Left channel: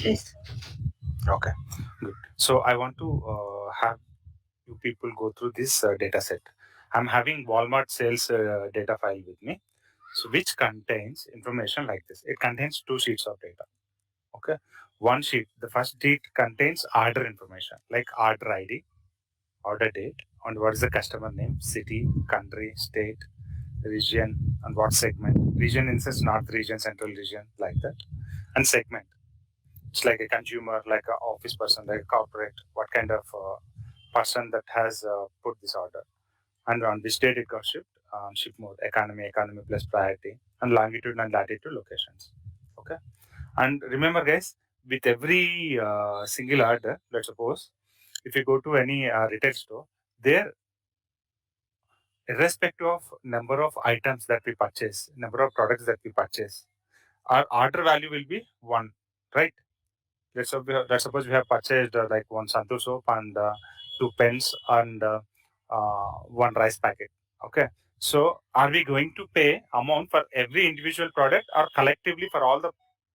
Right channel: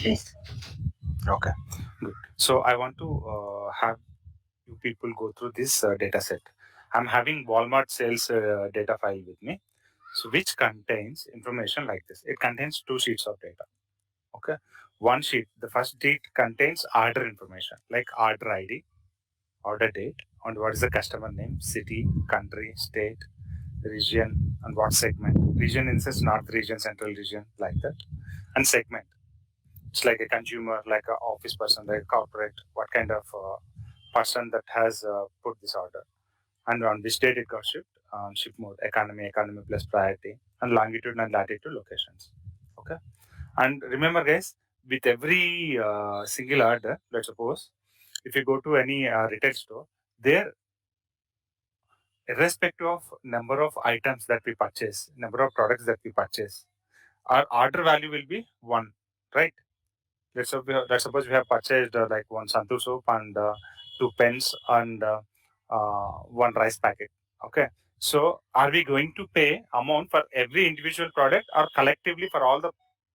Yes. Okay, good. So I want to have you people go through this data set. I'm having Walmart sales data file with me, so which contains information like this. It contains two sheets of data. Okay, one sheet. The first sheet contains order information like order ID, order date, and what is the customer name, city, country, state, region, and what segment. Region instance, north region, central region, like that, and segment. It's like a consumer, like an office person, like a corporate, what kind of person that has put this order, and on which date it got shipped, ship mode, economy plus priority, and longitude and latitude locations. Okay, and remember, guys, with every single order, let's suppose if you go to any retail store, there, irrespective of number of items that we purchase, number of products that we purchase, our order value will be one, right? Let's suppose we have purchased like one Santu soap and two pens and one rice packet. Okay. So are we going to pay amount for every individual product or collectively for all the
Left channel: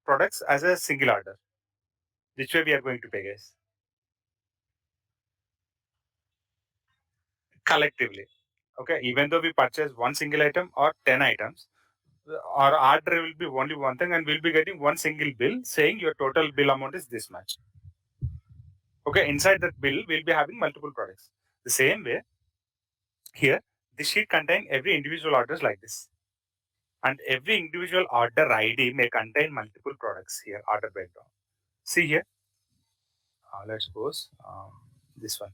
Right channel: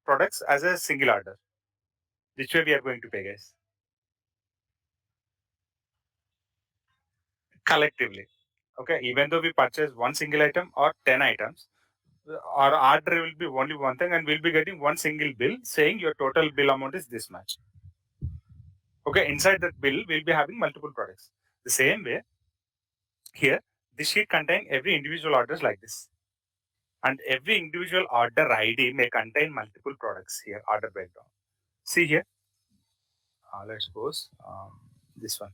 products as a single order? Which way we are going to pay, guys? Collectively. Okay. Even though we purchase one single item or 10 items, our order will be only one thing and we'll be getting one single bill saying your total bill amount is this much. Okay, inside that bill, we'll be having multiple products. The same way, here, this sheet contain every individual orders like this. And every individual order ID may contain multiple products here, order breakdown. See here, let's suppose this one.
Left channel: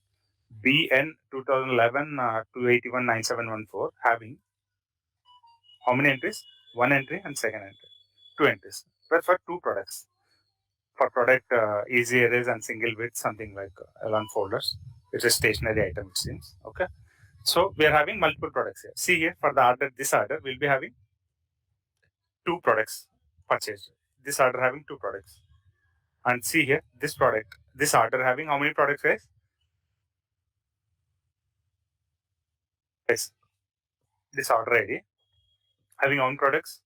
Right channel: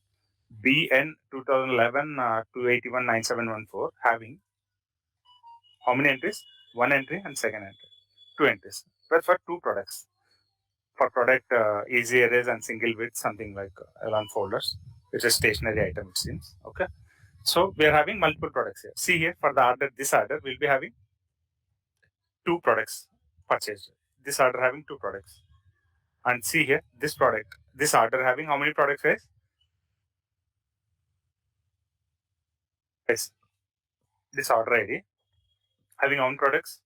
BN 2011 281 9714 having how many entries? One entry and second entry. Two entries. But for two products. For product easy erase and single width, something like around folders. It's a stationary item, it seems. Okay. So we are having multiple products here. See here, for the order, this order, we'll be having two products purchased. This order having two products. And see here, this product, this order having how many products, guys? Yes, this order ID having how many products?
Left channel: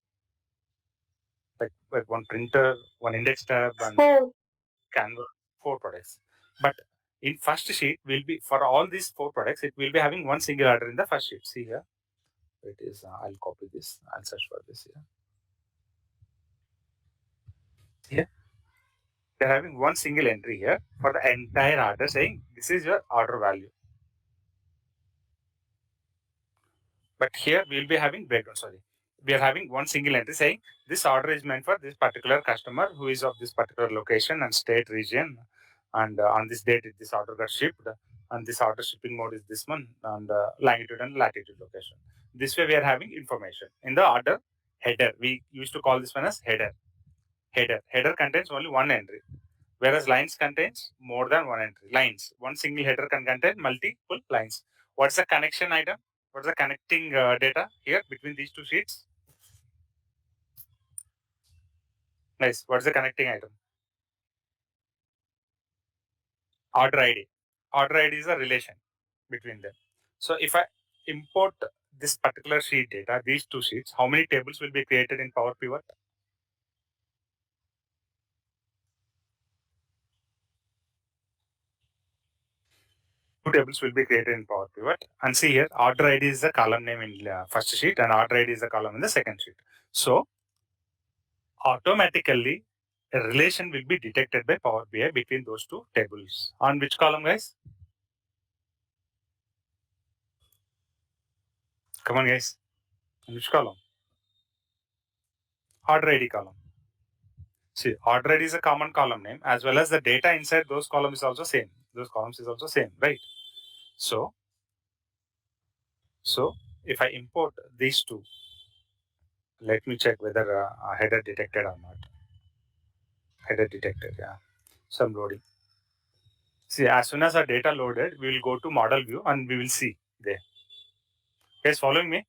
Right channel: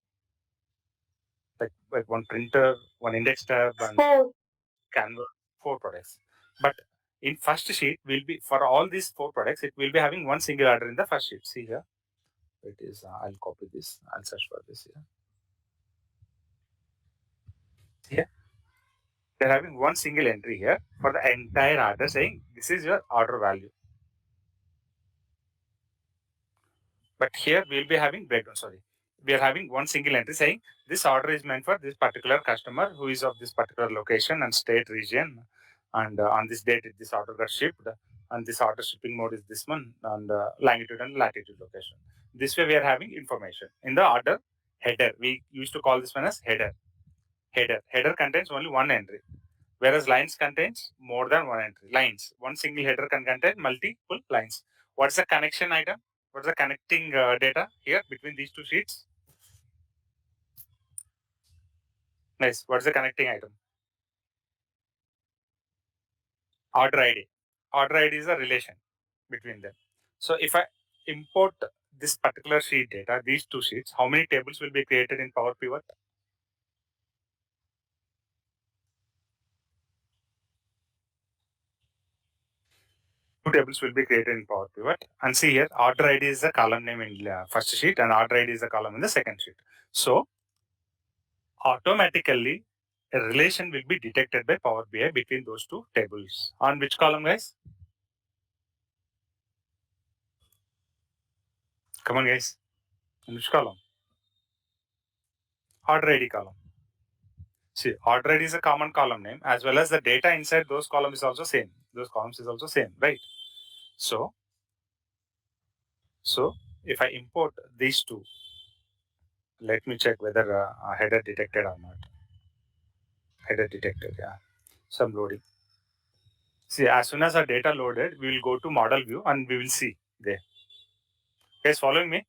Like one printer, one index tab, and Four. canvas, four products. But in first sheet, will be for all these four products, it will be having one single order in the first sheet. See here, it is. I'll copy this. I'll search for this here. Here, they're having one single entry here for the entire order, saying this is your order value. But here we'll be having breakdown. Sorry, we are having one single entry saying this order is meant for this particular customer who is of this particular location and state region, and on this date this order got shipped, and this order shipping mode is this one, and longitude and latitude location. This way we are having information in the order header. We used to call this one as header. Header contains only one entry, whereas lines contains more than one entry. Lines, one single header can contain multiple lines. What's the connection item? What's the connecting data here between these two sheets? Nice. What's the connecting item? Order ID. Order ID is a relation between them. So if I import this particular sheet data, these two sheets, how many tables will be created in Power Pivot? Two tables will be created in Power Pivot. And see here, order ID is the column name in first sheet and order ID is the column in the second sheet. So automatically a relation will be detected by Power BI between those two tables. On which column, guys? Come on, guys. On which column? Order ID column. See, order ID is a common column name as well as the data inside those columns is also same. Those columns is also same, right? So, so if I import these two, let me check whether header detected or not. Header detected, yeah. Some loading. See, as soon as our data loaded, we will go to model view and we will see there. Guys, following me?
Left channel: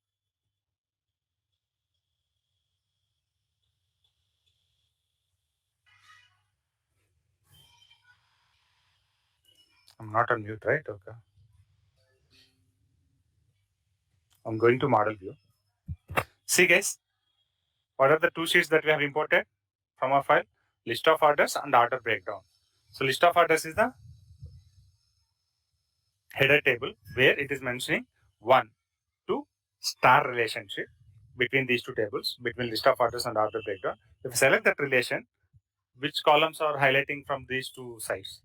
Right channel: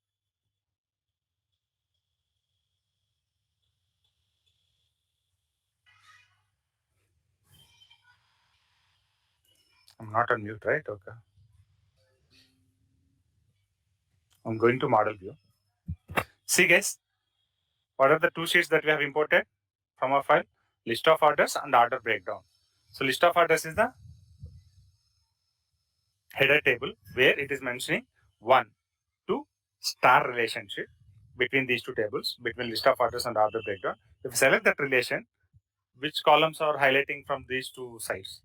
I'm not on mute, right? Okay. I'm going to model view. See, guys, what are the two sheets that we have imported from our file? list of orders and order breakdown. So list of orders is the header table where it is mentioning 1 to star relationship between these two tables, between list of orders and order breakdown. If you select that relation, which columns are highlighting from these two sides?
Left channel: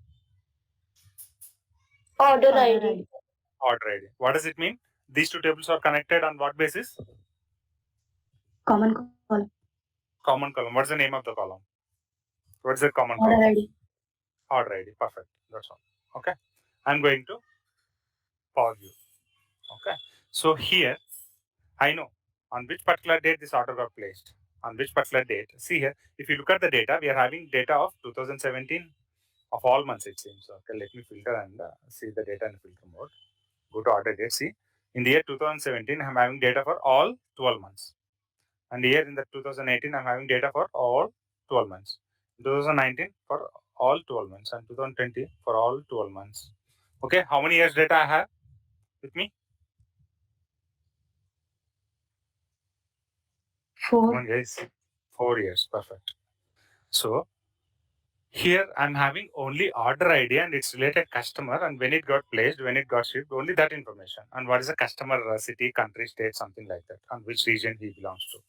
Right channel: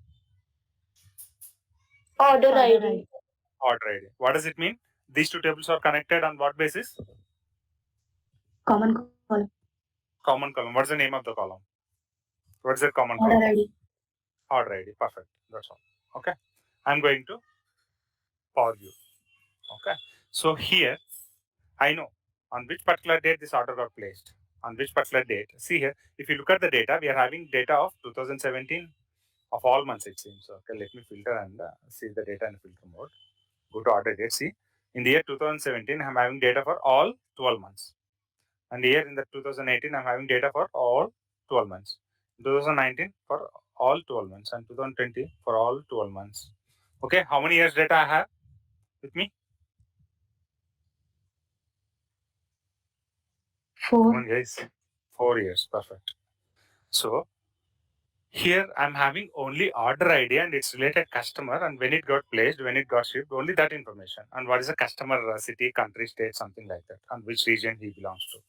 Order ID. Order ID. What does it mean? These two tables are connected on what basis? Common column. Common column. What's the name of the column? What's the common Order column? ID. Order ID. Perfect. That's all. Okay. I'm going to pause you. Okay. So here, I know on which particular date this order got placed. On which particular date. See here, if you look at the data, we are having data of 2017 of all months, it seems. Okay, let me filter and see the data in filter mode. Go to order date. See, in the year 2017, I'm having data for all 12 months. And here in the 2018, I'm having data for all 12 months. 2019 for all 12 months and 2020 for all 12 months. Okay, how many years data I have with me? 4. Come on, guys. 4 years. Perfect. So here I'm having only order ID and its related customer and when it got placed, when it got shipped, only that information. And what is the customer city, country, state, something like that, and which region he belongs to,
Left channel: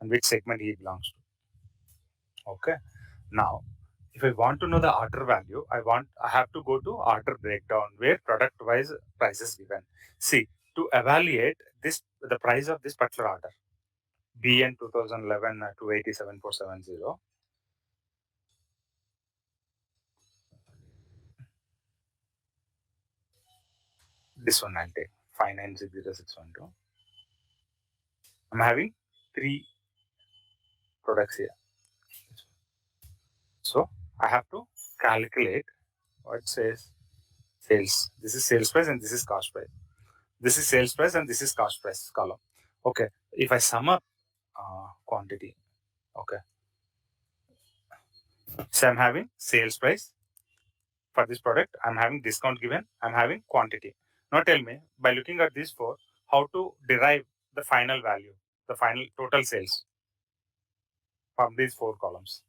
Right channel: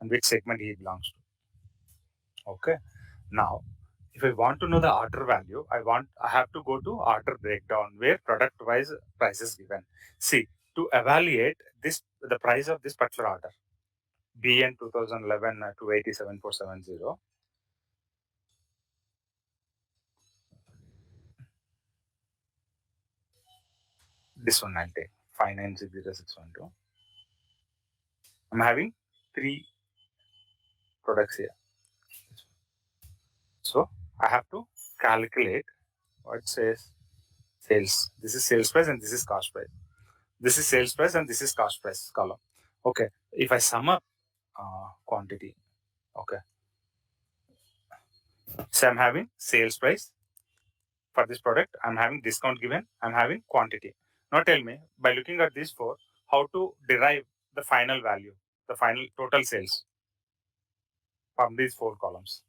and which segment he belongs to. Okay. Now, if I want to know the order value, I have to go to order breakdown where product wise price is given. See, to evaluate this the price of this particular order, BN 2011 287470. This one I'll take 590612. I'm having 3 products here. So I have to calculate what says sales. This is sales price and this is cost price. This is sales price and this is cost price column. Okay. If I sum up quantity, okay. So I'm having sales price for this product. I'm having discount given. I'm having quantity. Now tell me, by looking at these 4, how to derive the final value, the final total sales from these 4 columns.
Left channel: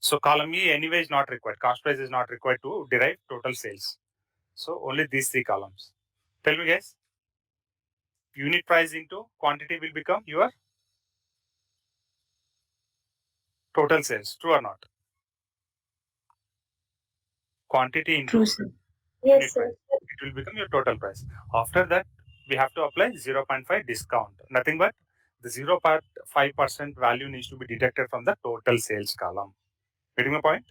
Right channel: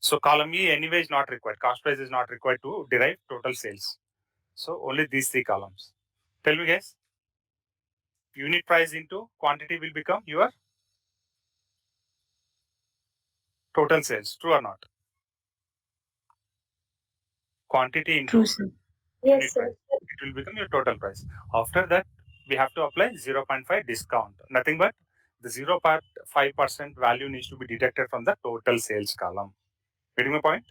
So column E anyway is not required. Cost price is not required to derive total sales. So only these 3 columns. Tell me guys, unit price into quantity will become your total sales. True or not? Quantity into True, sir. unit Yes, sir. price. It will become your total price. After that, we have to apply 0.5 discount. Nothing but the 0.5% value needs to be deducted from the total sales column. Getting my point?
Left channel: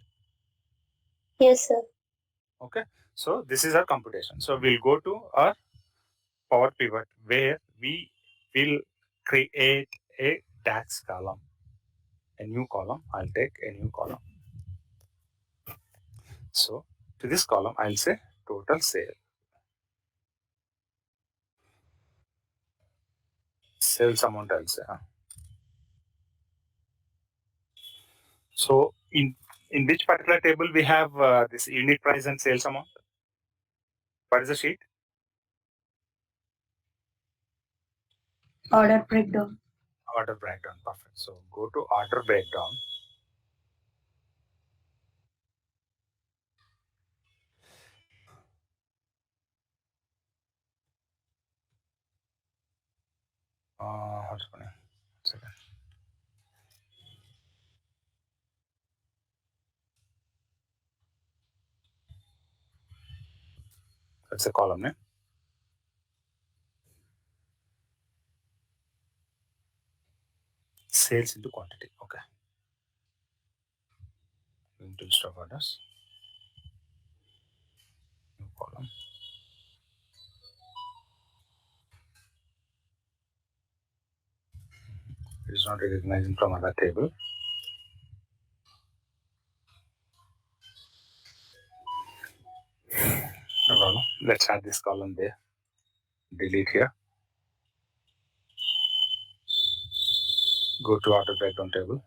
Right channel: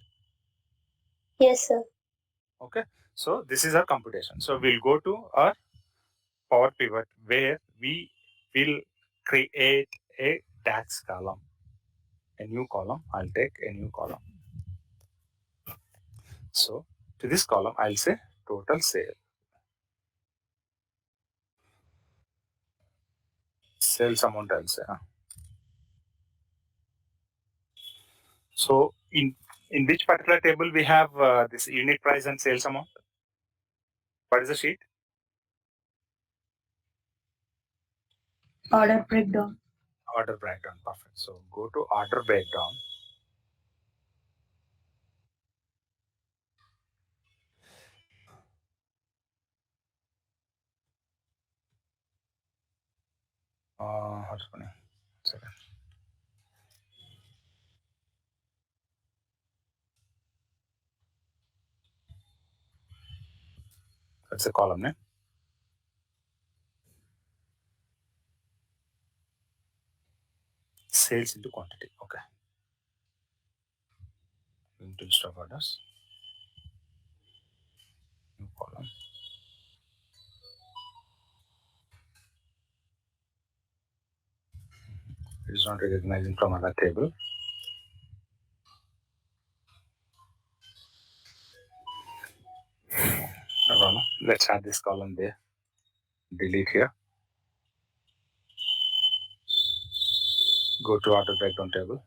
Yes, sir. Okay. So this is our computation. So we'll go to our power pivot where we will create a DAX column. A new column. I'll take a new column. So to this column, I'll say total sale. Sales amount I'll say. So in which particular table we have this unit price and sales amount? What is the sheet? Order breakdown. Order breakdown. Perfect. So go to order breakdown. What's funny? Second. That's a column name. Sales into quantity. Okay. Into list of orders. New column. It is not recognizing from other table. No problem. Let's add this column there. Delete here. Go to order breakdown table.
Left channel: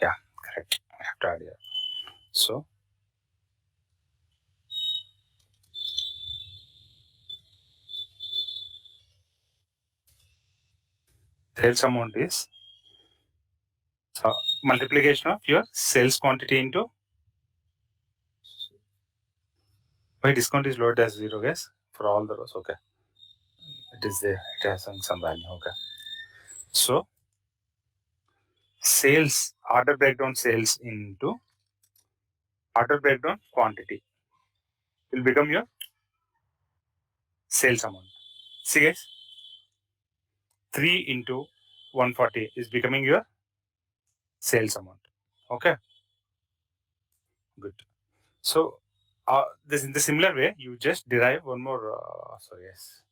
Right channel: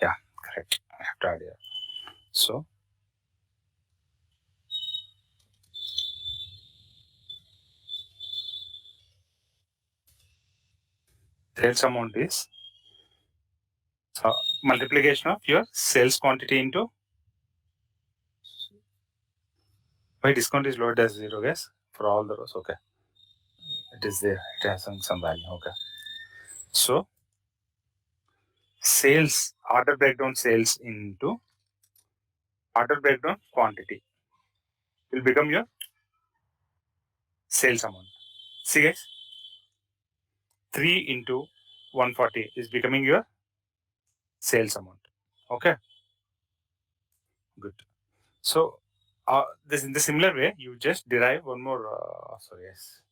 Yeah, correct. I have to add here. So sales amount is multiplication of your sales quantity into Why discount is lowered as 0, guys? For all the rows, okay. It is there. It has some value, okay. So sales, order breakdown sales into order breakdown quantity will become your sales amount. See guys, 3 into 140 is becoming your sales amount. Okay, good. So this in the similar way, you just derive one more. Sorry, yes.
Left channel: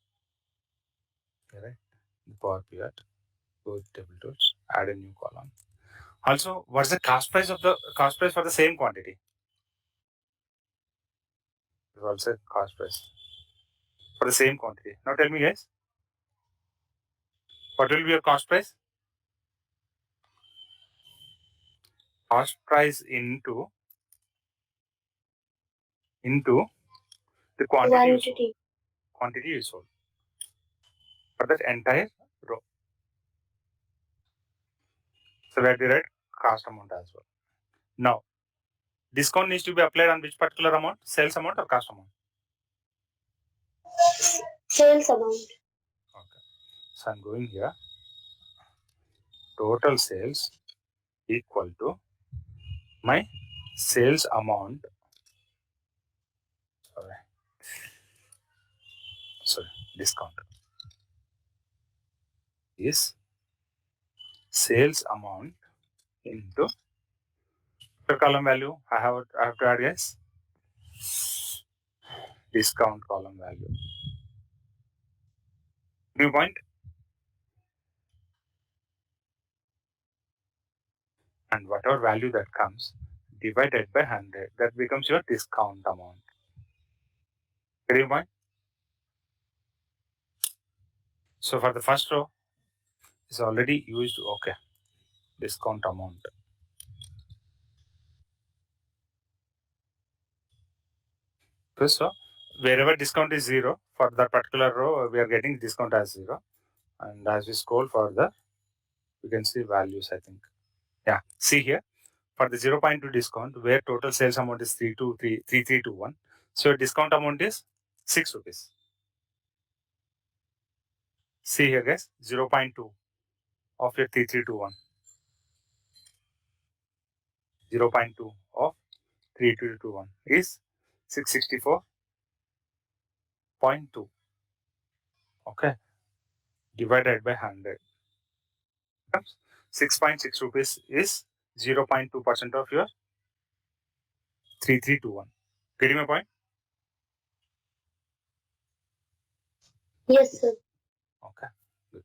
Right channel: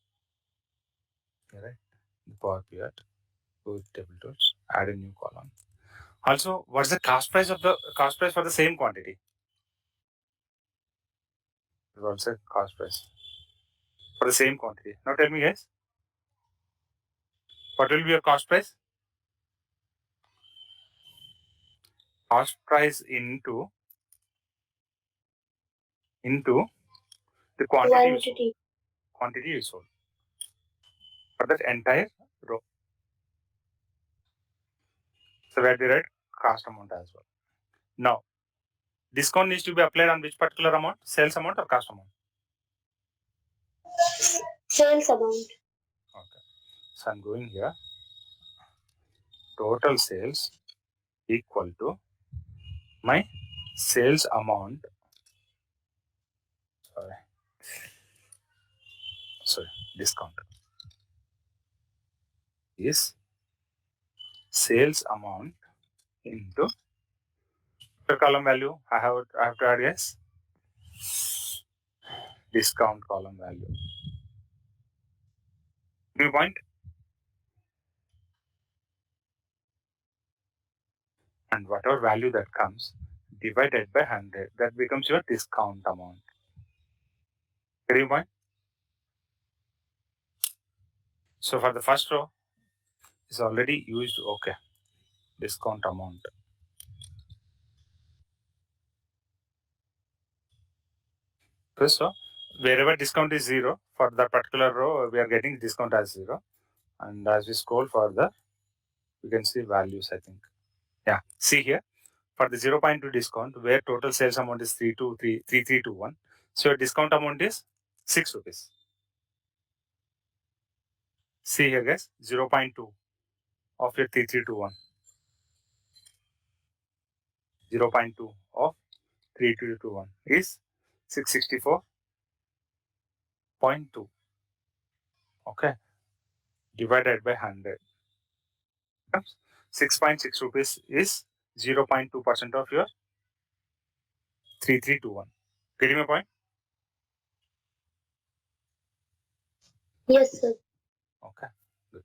Right. The Power Pivot, go with table tools, add a new column. Also, what's the cost price for the same quantity? It's also cost price for the same quantity. Now tell me, guys, what will be your cost price? Cost price into the quantity you sold. Quantity you sold for that entire row. So we have to write cost amount as well. Now, discount needs to be applied on which particular amount? Sales amount or cost amount? Sales amount. Okay. So I'm going here. Total sales equal to my sales amount. Sorry, discount is sales amount into the column value. I have to add, yes, discount column value. New point. And whatever value that comes divided by 100, that becomes your discount amount. Getting point? So for the first row, is already used. Okay, discount amount. Okay, so wherever discount is 0 for that particular row, we are getting discount as 0. And as we scroll further, you can see values, I think. Yeah, see here for the 0.2 discount, where total sales amount is 3321. So your discount amount is 6 rupees. See here, guys, 0.2 of your 3321. 0.2 of 3221 is 664.2. Okay, divided by 100. 6.6 rupees is 0.2% of your 3321. Getting my point? Yes, sir. Okay. Good.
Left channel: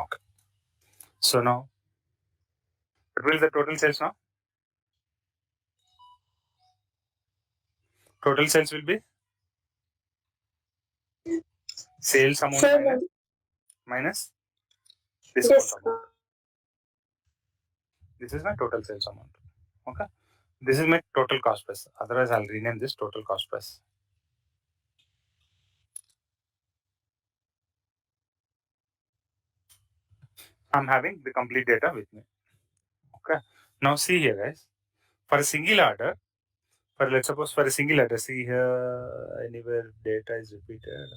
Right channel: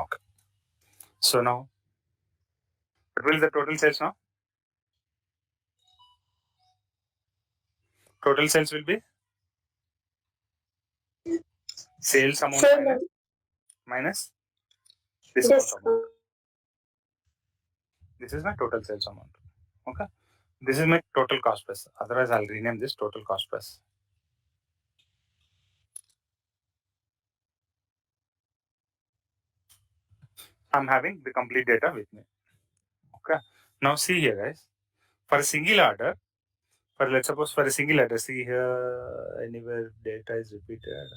Okay. So now, what will the total sales now? Total sales will be sales amount minus discount amount. This is my total sales amount. Okay. This is my total cost price. Otherwise, I'll rename this total cost price. I'm having the complete data with me. Okay. Now see here, guys. For a single order, let's suppose for a single order, see here anywhere data is repeated.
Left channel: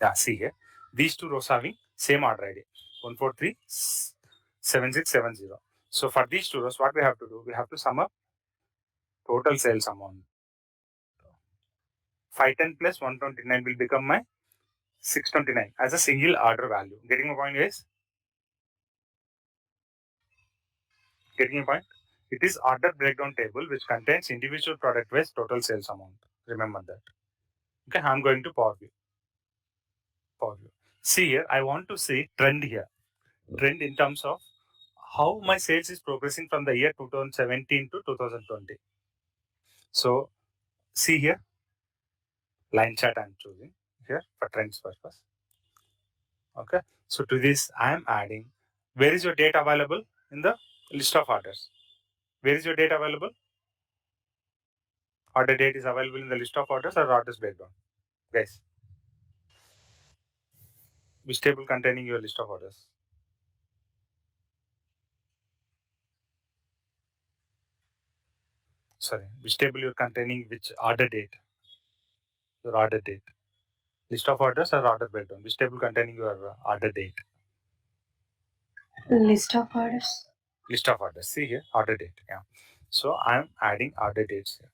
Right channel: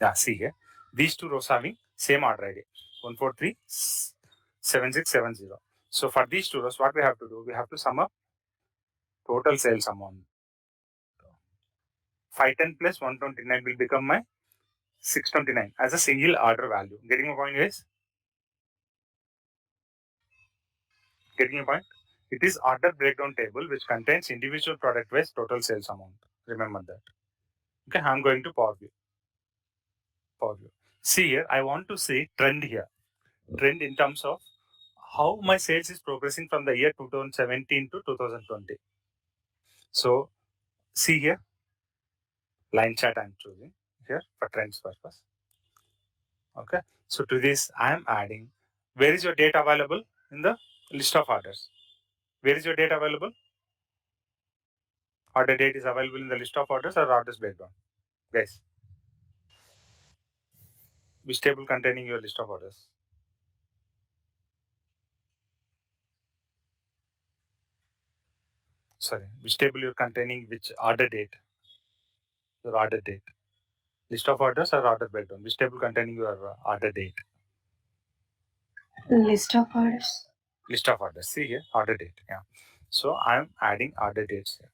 Yeah, see here. These two rows having same order ID. 1437670. So for these two rows, what we have to do? We have to sum up total sales amount. 510 plus 129 will become my 629 as a single order value. Getting my point, guys? Getting your point? It is order breakdown table which contains individual product wise total sales amount. Remember that. Okay, I'm going to Power View. Power View. See here, I want to see trend here. Trend in terms of how my sales is progressing from the year 2017 to 2020. So see here, line chart I'm choosing here for trends purpose. Okay. So to this, I am adding, where is your data available? In the list of orders. Where is your data available? order date is available in the list of orders or orders breakdown? Guys, which table containing your list of orders? Sorry, which table you're containing which order date? Your order date. List of orders or order breakdown? Which table containing your order date? List of orders. List of orders. See here, order date. Yeah. So I'm adding order dates here.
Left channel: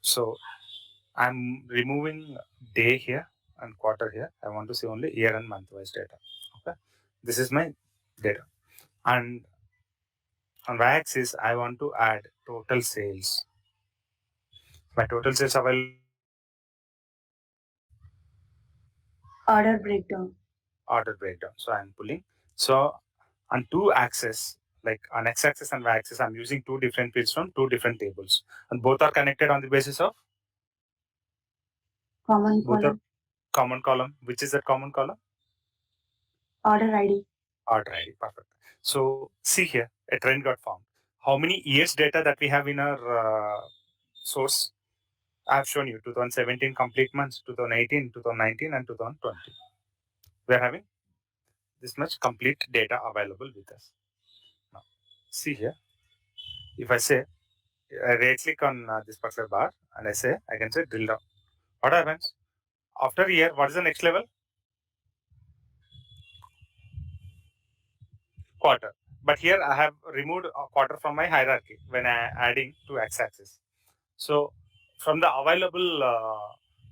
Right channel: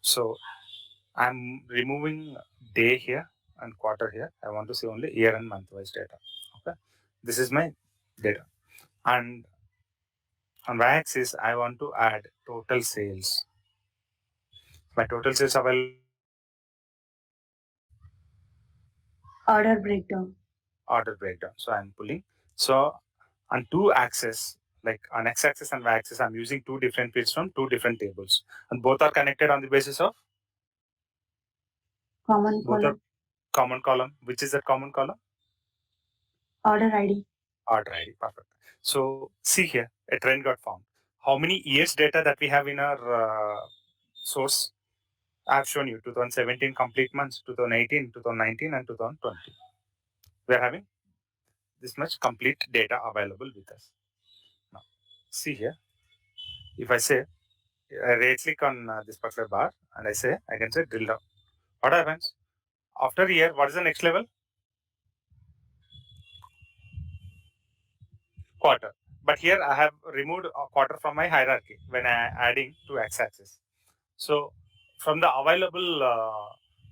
So I'm removing day here and quarter here. I want to see only year and month wise data. Okay. This is my data. And on y-axis, I want to add total sales. My total sales available. Order breakdown. Order breakdown. So I'm pulling. So on two axes, like on x-axis and y-axis, I'm using two different fields from two different tables, and both are connected on the basis of Common both are column. common column. Which is that common column? Order ID. Order ID. Perfect. So see here, a trend got formed. How many years data that we have in our source? I have shown you 2017 complete months, 2018, 2019, and 2020. We are having this much complete data available with us. Now, see here. If I say, I right click on this particular bar and I can say drill down. What happens? After a year, what is the next level? Quarter. But here I have removed a quarter from my hierarchy when I adding to x-axis. So from the available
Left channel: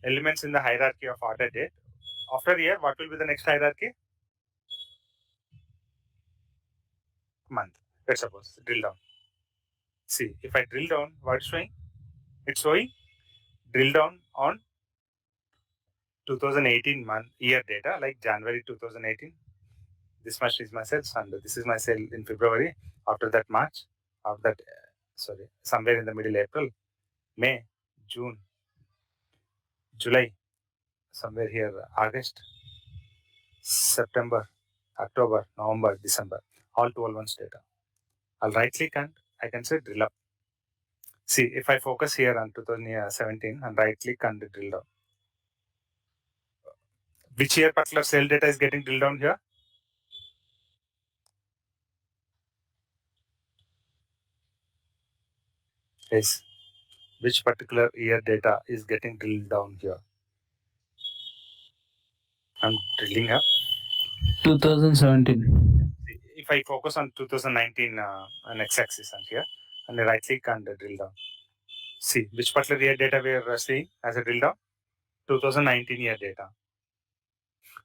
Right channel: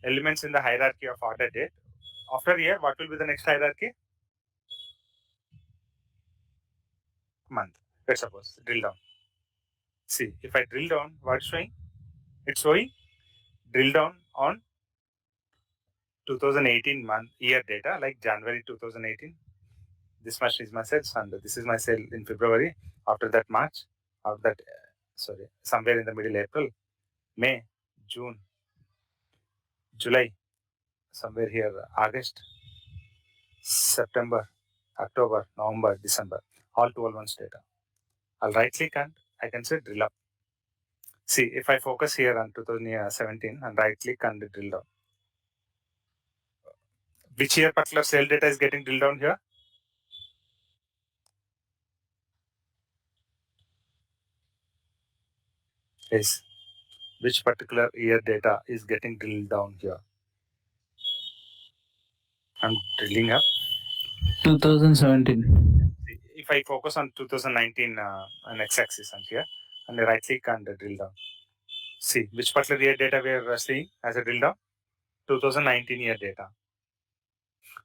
elements in the hierarchy of order date, after a year, what will be the next hierarchy? Month. Let's suppose drill down. See, if I drill down, what is showing? It's showing drill down on 2018 month year data, like January 2018. This much is my sales, and this is my sale in February. After that, March. After that, somewhere in the middle, April, May, June, July, somewhere here, August, September, October, November, December, all 12 months data. I'll right click and I can say drill up. See, if I focus here on 2017 and right click and drill down, which year particular sale data is getting drilled down here? Yes. Which particular year data is getting drilled down here? I'm drilling up. 2017. If I focus on 2019 on x-axis and here, and I right click and drill down. See, which particular year data we are seeing as a drill down? 2019 year data.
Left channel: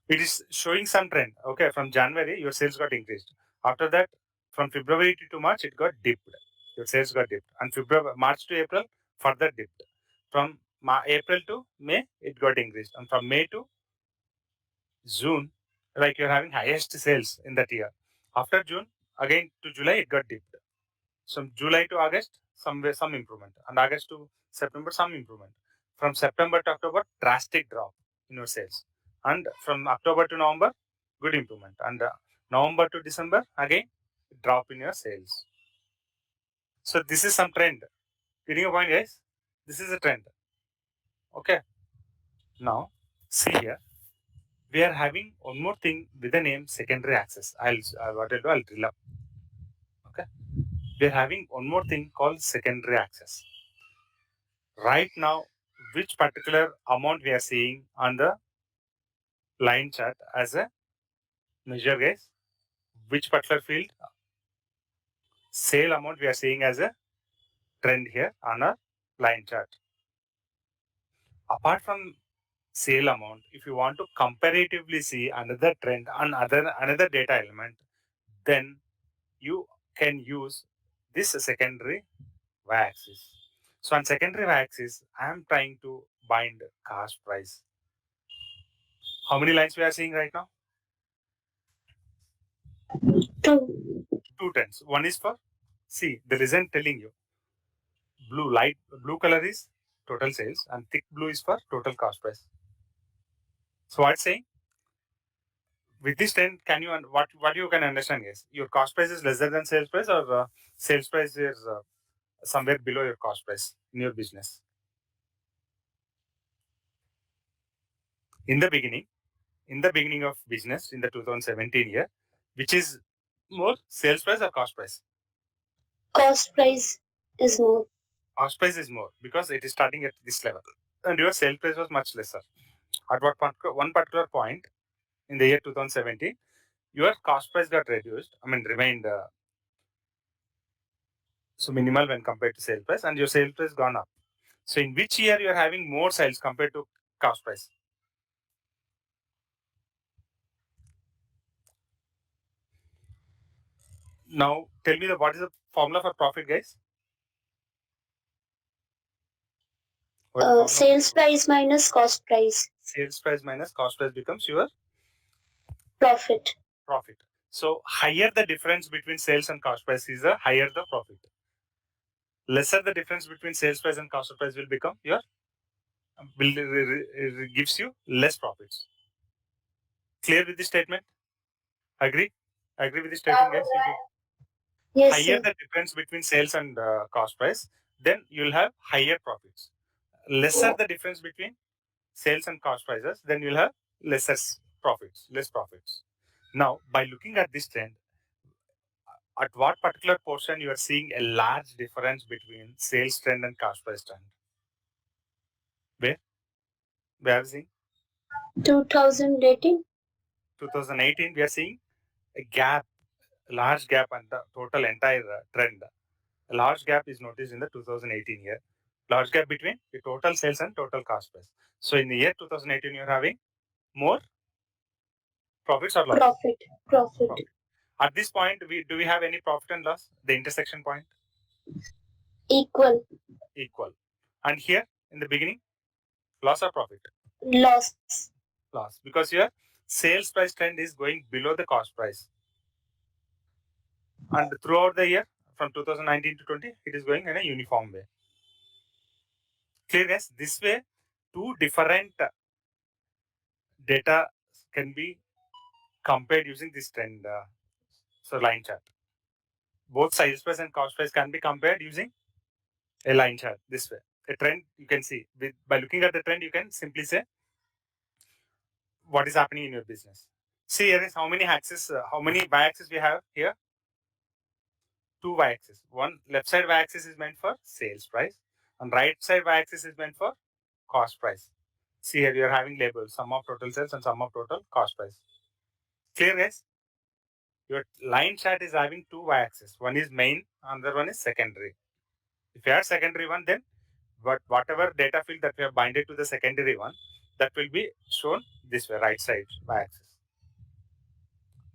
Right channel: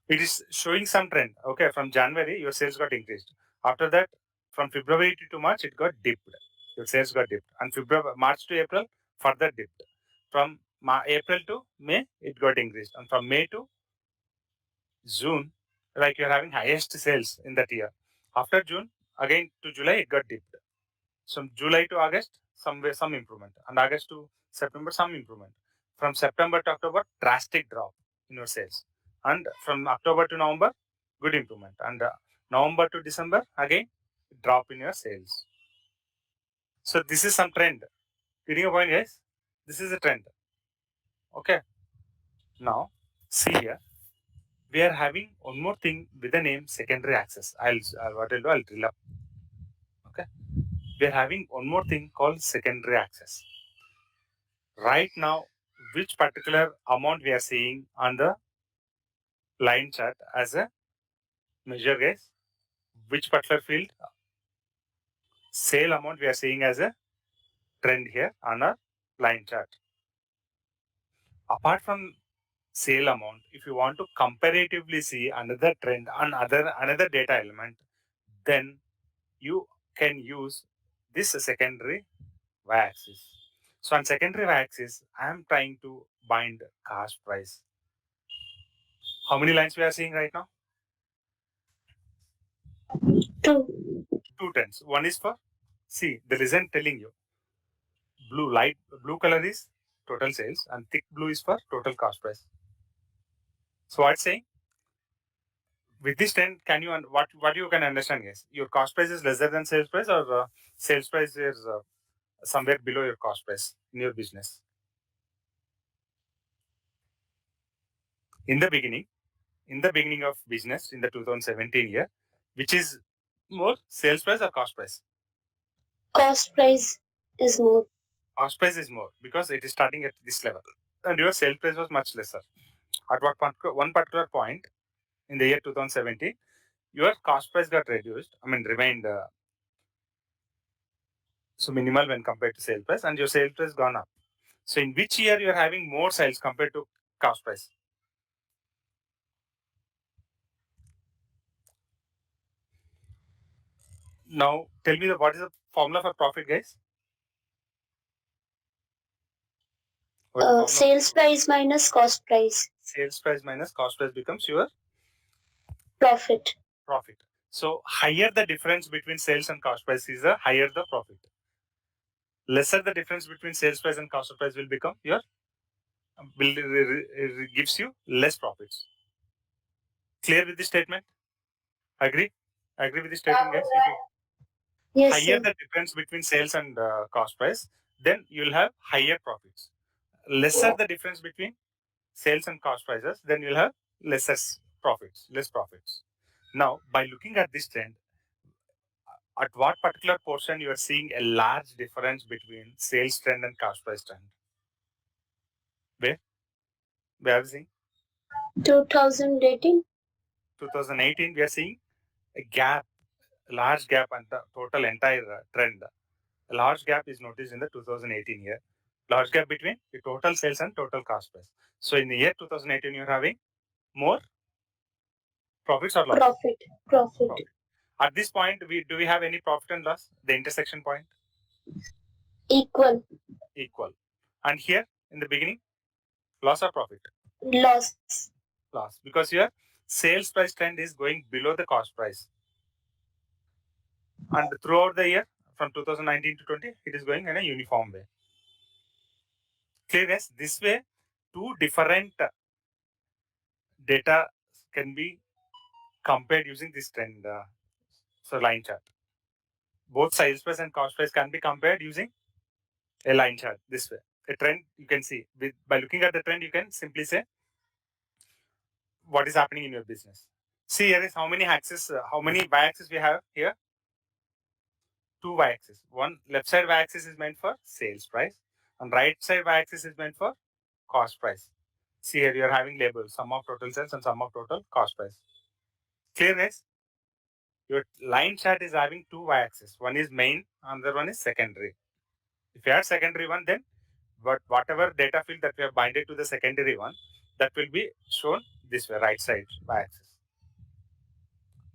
It is showing some trend. Okay, from January, your sales got increased. After that, from February to March, it got dipped. Your sales got dipped. And March to April, further dipped. From April to May, it got increased. And from May to June, like you're having highest sales in that year. After June, again to July, it got dipped. From July to August, some improvement. And August to September, some improvement. From September to October, drastic drop in your sales. And from October to November, good improvement. And November to December, again, drop in your sales. So this is some trend. Getting a point, guys? This is a trend. Okay. Now, see here. We are having one more thing with the name secondary access. I'll drill up. Okay. We are having one more thing called secondary access. Right now, which particular amount we are seeing on the line chart as a measure, guys? Which particular field? Sale amount we are seeing as a trend here on a line chart. Apart from sale amount, if you want to comparatively see another trend on another data element, then you can use this secondary y-axis. So on secondary y-axis, I am trying to bind cost price. How many lines we are seeing right now? Two. Two trends. One is for, see, the reason telling you, blue color is total sales and thick blue is for total cost price. So what's saying? With this trend, can you what you can understand is your cost price is lesser than sales price, or sales price is somewhere below your cost price in your business. In the beginning of business in the 2017 year, which is more, sales price or cost price? Cost price is more. Cost price is more because it is starting at this level, and your sales price was much lesser. At one particular point in the year 2017, your cost price got reduced. I mean, remained so minimal when compared to sales price, and your sales price gone up. So, in which year you are having more sales compared to cost price? Now, tell me what is the formula for profit, guys? What is the formula? Sales price minus cost price. Sales price minus cost price becomes your Profit. profit. So, higher the difference between sales and cost price is the higher the profit. Lesser the difference between sales price and cost price will become your gives you less profits. Clear with this statement? Agree? Agree with this statement, guys? Yes, Higher sir. the difference between sales and cost price, then you'll have higher profits. Lesser the difference between sales and cost prices, then you'll have lesser profits, less profits. Now, by looking at this trend, at what particular portion you are seeing a large difference between sales trend and cost price trend? Where? Where are we seeing? 2018. 2018, we are seeing a gap, a large gap, and the total entire trend. A large gap is noticed in the 2018 year. Large gap between the total sales and total cost price. So in the year 2018, you're having more profits or loss? Profit. At this point, do we have any profit and loss? The intersection point? Equal. Equal. And here in the beginning, loss or profit? Loss. Loss. Because your sales price trend is going below the cost price. And throughout the year, from 2019 to 20, it is going in a uniform way. Clear, yes? This way, two different data can be compared using this trend, so line chart. Both sales price and cost price can be compared using a line chart this way. A trend you can see by looking at the trend, you can simply say what is happening in your business. See here is how many axes, how many y-axis we have here. Two y-axis. One left side y-axis is meant for sales price, and right side y-axis is meant for cost price. See here you are having labels, sum of total sales and sum of total cost price. Clear, guys? Your line chart is having two y-axis. One is main, another one is secondary. If you add secondary one, then whatever data field that we have binded to the secondary one, that will be shown this way, right side y-axis.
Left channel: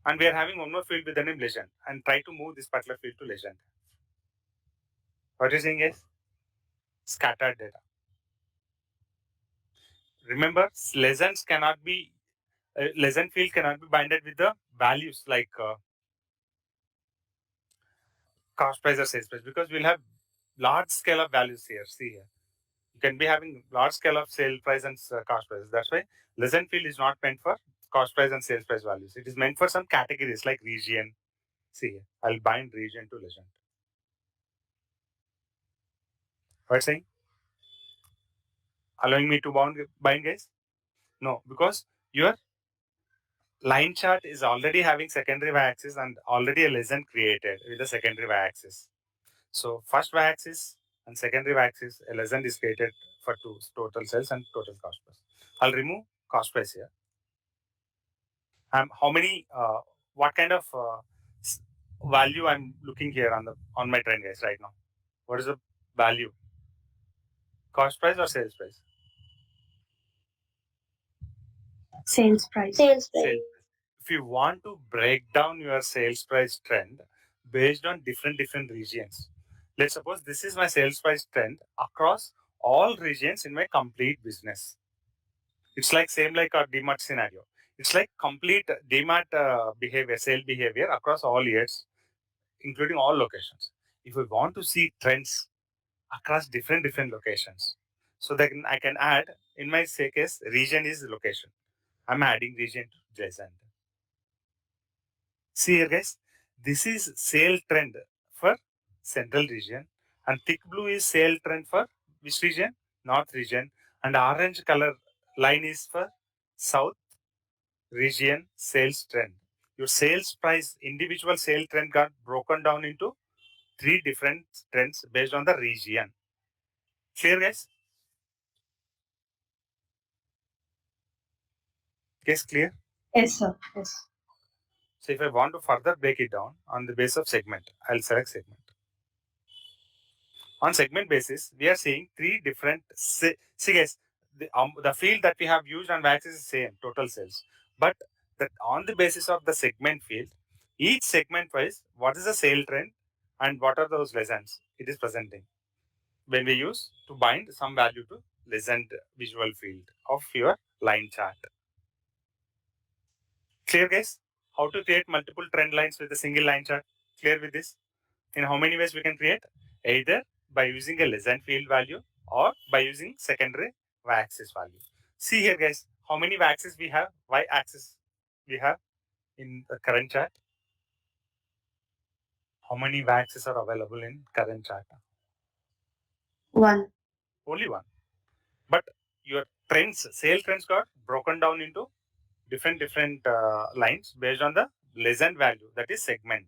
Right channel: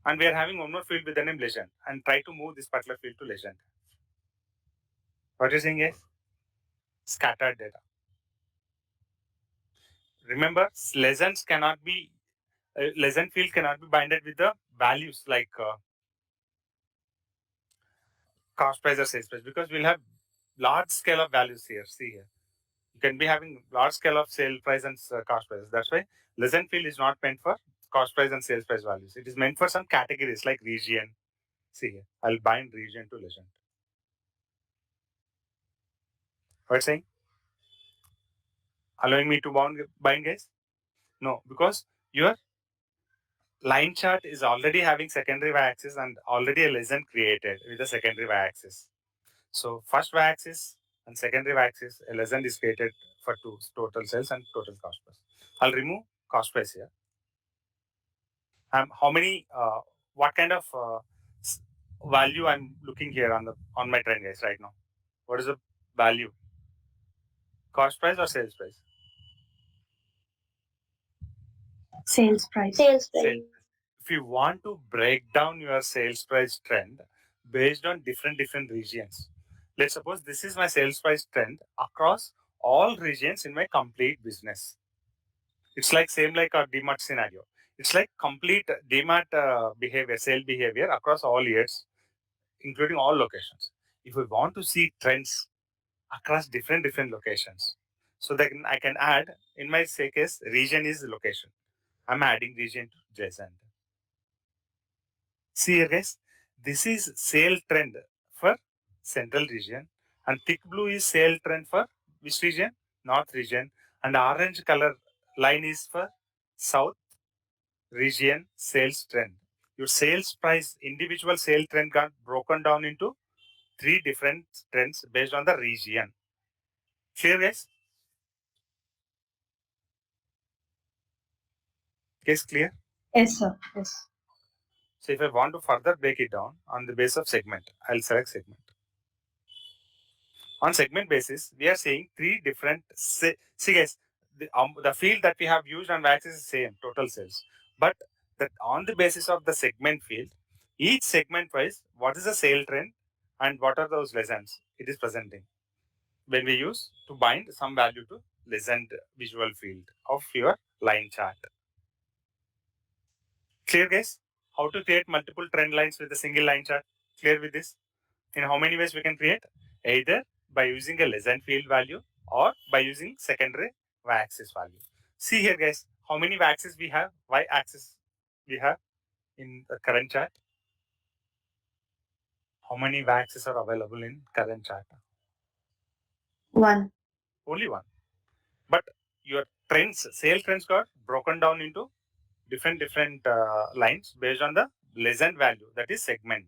And we are having one more field with the name legend, and try to move this particular field to legend. What you're saying is scattered data. Remember, legends cannot be legend field cannot be binded with the values like cost price or sales price, because we'll have large scale of values here. See here, you can be having large scale of sale price and cost prices. That's why legend field is not meant for cost price and sales price values. It is meant for some categories like region. See here, I'll bind region to legend. What saying? Allowing me to bind, guys? No, because your line chart is already having secondary y-axis and already a legend created with the secondary y-axis. So first y-axis and secondary y-axis, a legend is created for two, total sales and total cost price. I'll remove cost price here. How many? What kind of value I'm looking here on my trend, guys, right now? What is the value? Cost price or sales price? Sales price. Sales price. Sales. If you want to break down your sales price trend based on different regions, let's suppose this is my sales price trend across all regions in my complete business. It's like same like our DMart scenario. It's like complete DMart behavior, sale behavior across all years, including all locations. If we want to see trends across different locations, so then I can add, in my say case, region is location. I'm adding region to JSON. See here, guys, this is sale trend for central region, And thick blue is sale trend for which region? North region. And orange color line is for south region sales trend. Your sales price, individual sale trend got broken down into 3 different trends based on the region. Clear, guys? Case clear? Yes, sir. Yes. So if I want to further break it down on the basis of segment, I'll select segment. On segment basis, we are seeing 3 different, see guys, the field that we have used on wax is the same, total sales. But that on the basis of the segment field, each segment wise, what is the sale trend and what are those lessons it is presenting when we use to bind some value to lessened visual field of your line chart. Clear, guys? How to create multiple trend lines with a single line chart? Clear with this? In how many ways we can create? Either by using a lessened field value or by using secondary y-axis value. See here, guys, how many y-axis we have? Y-axis we have in the current chart. How many y-axis are available in current chart? 1. Only one. But your trends, sale trends got broken down into different lines based on the lessened value, that is segment.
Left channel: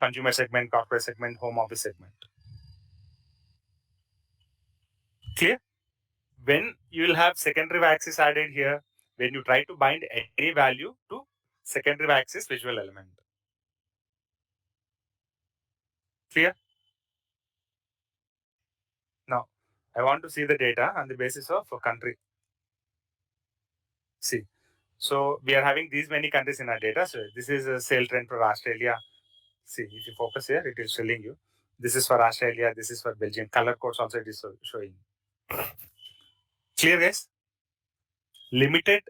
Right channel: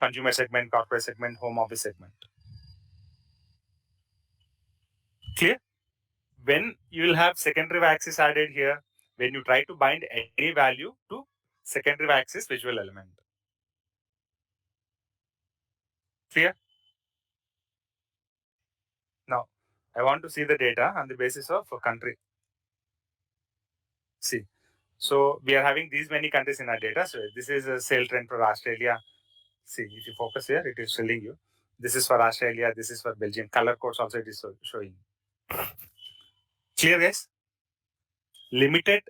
Consumer segment, corporate segment, home office segment. Clear? When you will have secondary axis added here, when you try to bind any value to secondary axis visual element. Clear? Now, I want to see the data on the basis of a country. See, so we are having these many countries in our data. So this is a sale trend for Australia. See, if you focus here, it is telling you. This is for Australia, this is for Belgium. Color codes also it is showing. Clear, guys? Limited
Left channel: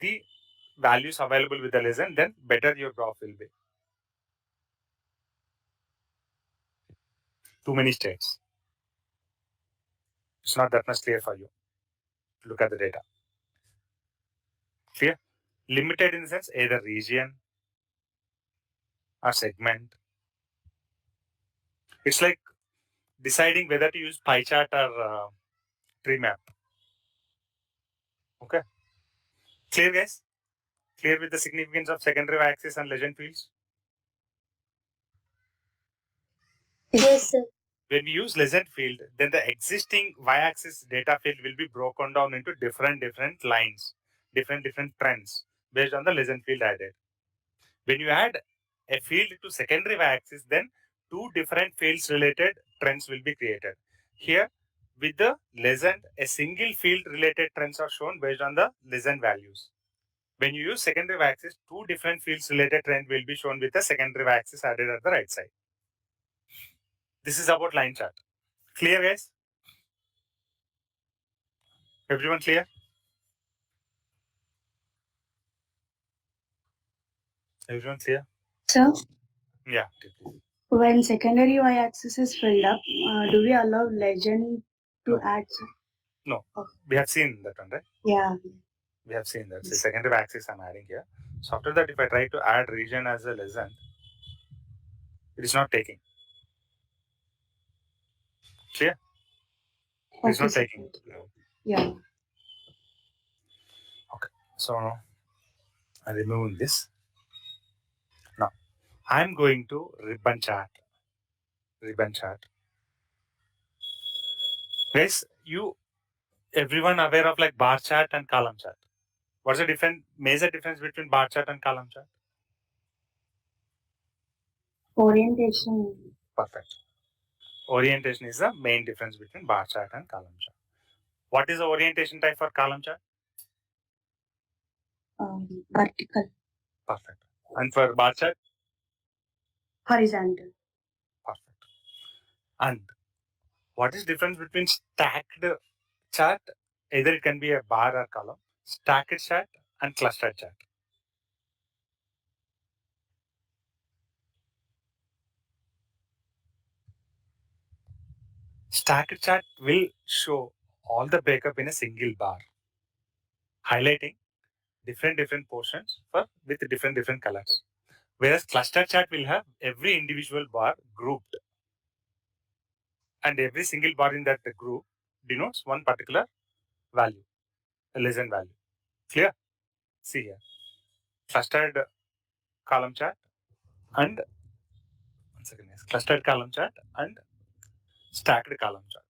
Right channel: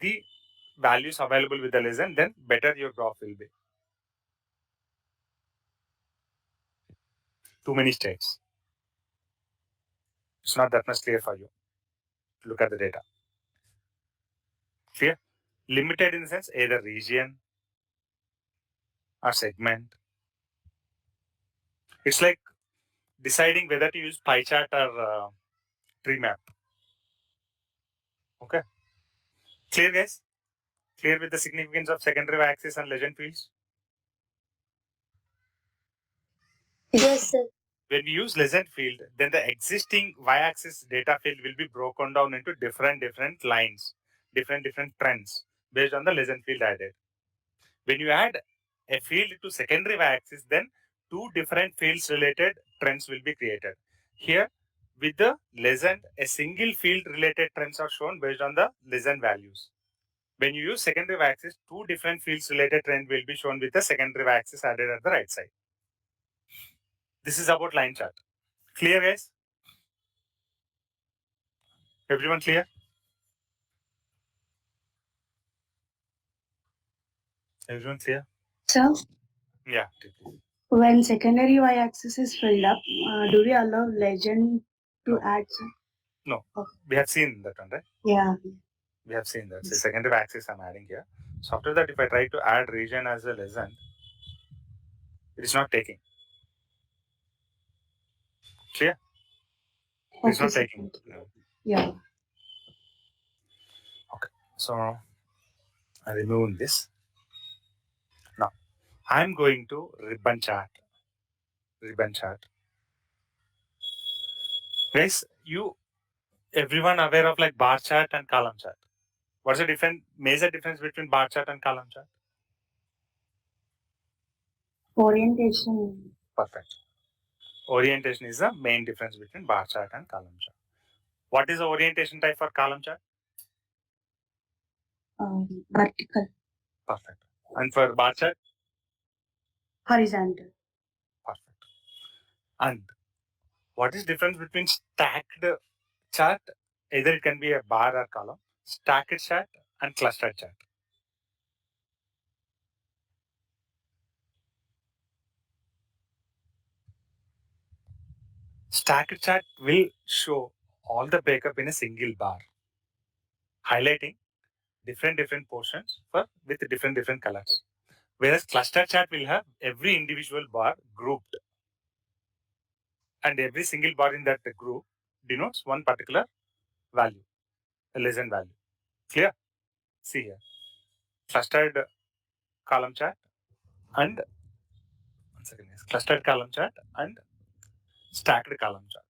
the values available with the lesson, then better your graph will be. Too many states. It's not that much clear for you. Look at the data. Clear? Limited in the sense either region or segment. It's like deciding whether to use pie chart or tree map. Okay. Clear, guys? Clear with the significance of secondary axis and legend fields? Yes, sir. When we use legend field, then the existing y-axis data field will be broken down into different lines, different trends based on the legend field added. When you add a field to secondary y-axis, then 2 different fields related trends will be created. Here, with the legend, a single field related trends are shown based on the legend values. When you use secondary y-axis, 2 different fields related trend will be shown with the secondary y-axis added at the right side. This is about line chart. Clear, guys? Everyone clear? Everyone clear? So, Yeah. when secondary y-axis is filled up, do we allow legend to No. add? Sir? No. Okay. We have seen that one, right? Yeah. We have seen that. So secondary axis I'm adding here. So after that, if I try to add region as a lesson, it is not taking. Clear? It is Okay, not sir. taking. Yeah. Okay. So I'm removing this. Now I'm going to ribbon chart. Ribbon chart. Guys, everyone aware of like bar chart and column chart. What's the major difference between bar chart and column chart? Orientation. Perfect. Orientation is the main difference between bar chart and column chart. What is the orientation type for column chart? Vertical. Perfect. And for bar chart? Horizontal. Perfect. And what is difference between stacked chart? Either it can be a bar or column. Stacked chart and clustered chart. Stacked chart will show all the breakup in a single bar, highlighting different portions with different colors. Whereas cluster chart will have every individual bar grouped. and every single bar in that group denotes one particular value, a legend value. Clear? See here, clustered column chart and one second, yes, clustered column chart and stacked column chart.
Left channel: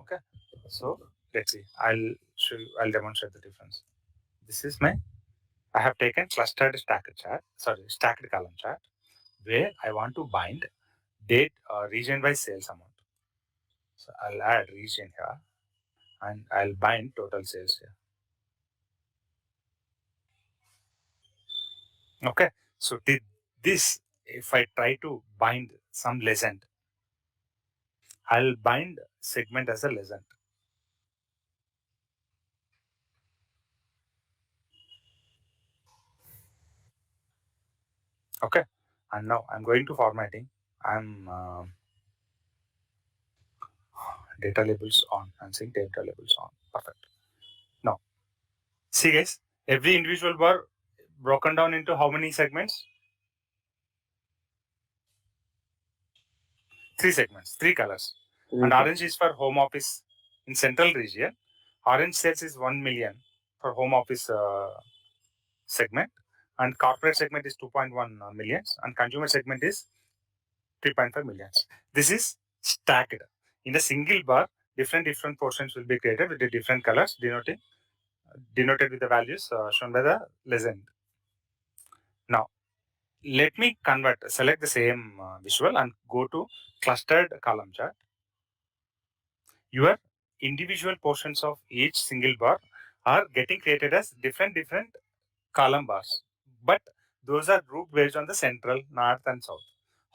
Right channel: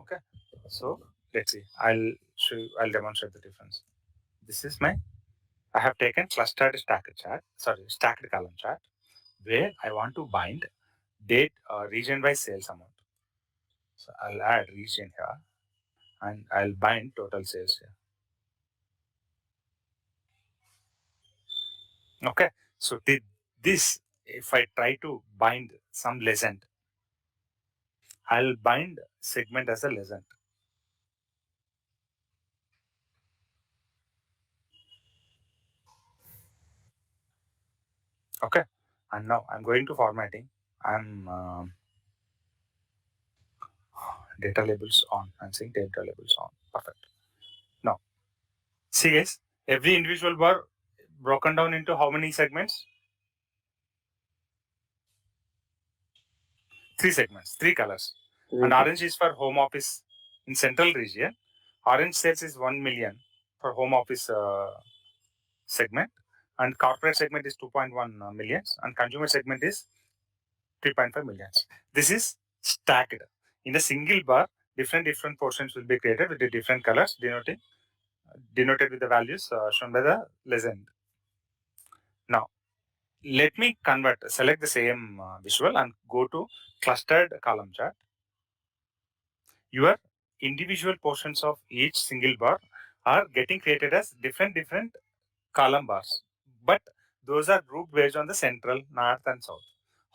Okay, so let's see. I'll show you. I'll demonstrate the difference. This is my. I have taken clustered stacked chart. Sorry, stacked column chart, where I want to bind date region by sales amount. So I'll add region here, and I'll bind total sales here. Okay, so this, if I try to bind some legend, I'll bind segment as a legend. Okay, and now I'm going to formatting. I'm data labels on. I'm saying data labels on. Perfect. Now, see guys, every individual bar broken down into how many segments? 3 segments, 3 colors. And orange is for home office in central region. Orange sales is 1 million for home office segment, and corporate segment is 2.1 millions, and consumer segment is 3.5 millions. This is stacked in a single bar. Different portions will be created with the different colors denoted with the values shown by the legend. Now, let me select the same visual and go to clustered column chart. Your individual portions of each single bar are getting created as different column bars, but those are grouped based on the central, north, and south.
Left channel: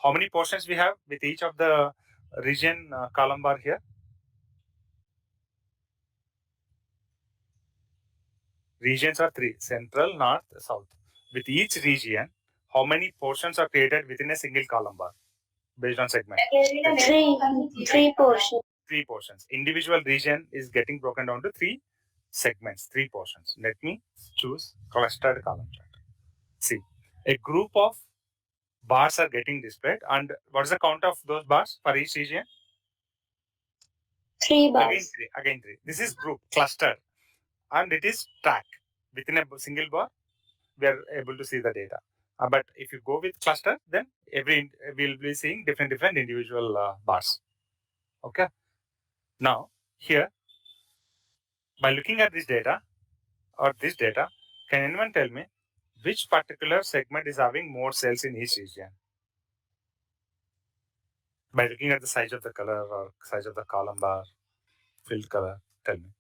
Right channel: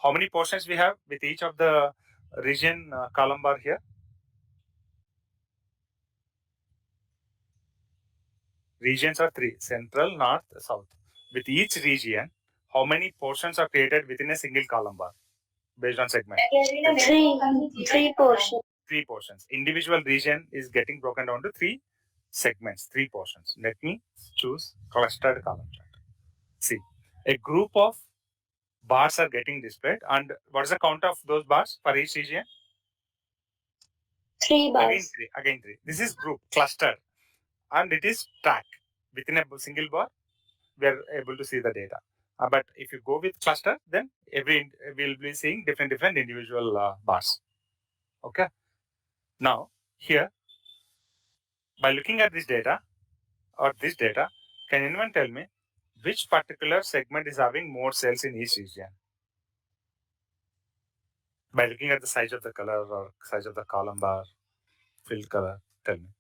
How many portions we have with each of the region column bar here? Regions are 3: central, north, south. With each region, how many portions are created within a single column bar based on segment? Three portions. 3 portions. Individual region is getting broken down to 3 segments, 3 portions. Let me choose clustered column chart. See, a group of bars are getting displayed, and what is the count of those bars for each region? 3 bars. Again 3. This is group, cluster, and it is track. Within a single bar, we are able to see the data. But if you go with cluster, then we'll be seeing different individual bars. Okay. Now here, by looking at this data, can anyone tell me which particular segment is having more sales in each region? By looking at the size of the color or size of the column bar, filled color, tell me.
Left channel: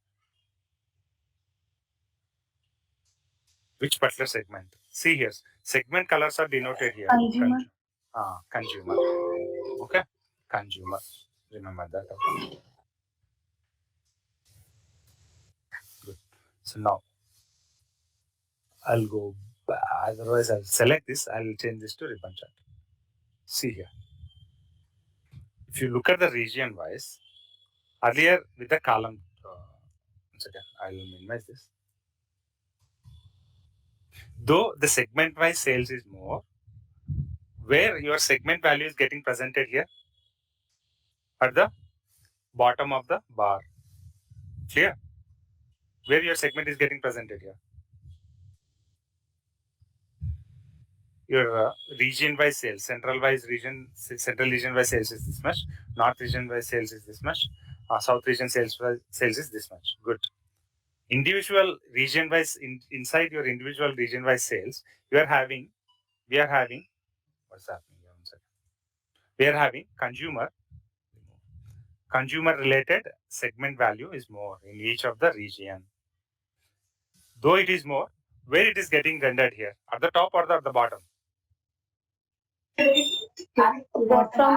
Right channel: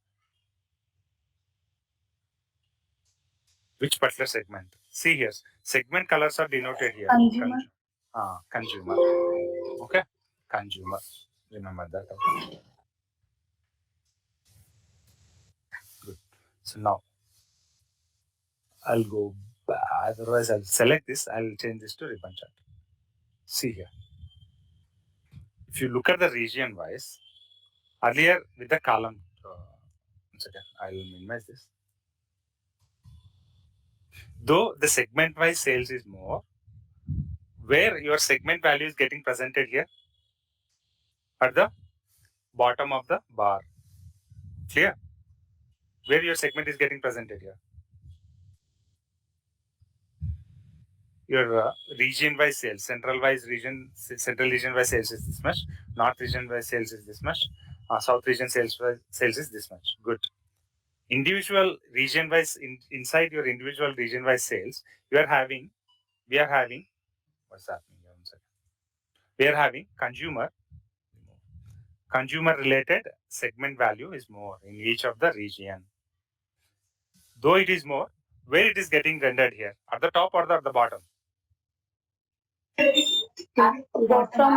Which particular segment? See here, segment colors are denoted here. Consumer. Consumer. Okay, consumer. Remember that. Okay. Good. So now I'll go back. Otherwise, I'll select this. I'll change this to ribbon chart. See here. If you look at the region wise, earlier with the column, once again, I'll minimize this. Though the segment wise sales is more, where your segment value is getting presented here at the bottom of the bar. Clear? Where your segment is getting presented here. Your region wise sales, central region wise sales is this much, north region wise sales is this much, south region sales is this much. Good. Individual region wise, inside your individual region wise sales, we are having what's happening here? One second. We are having consumer related segment value is more in each of the region. Though it is more, where it is getting rendered here, at the top or at the bottom? From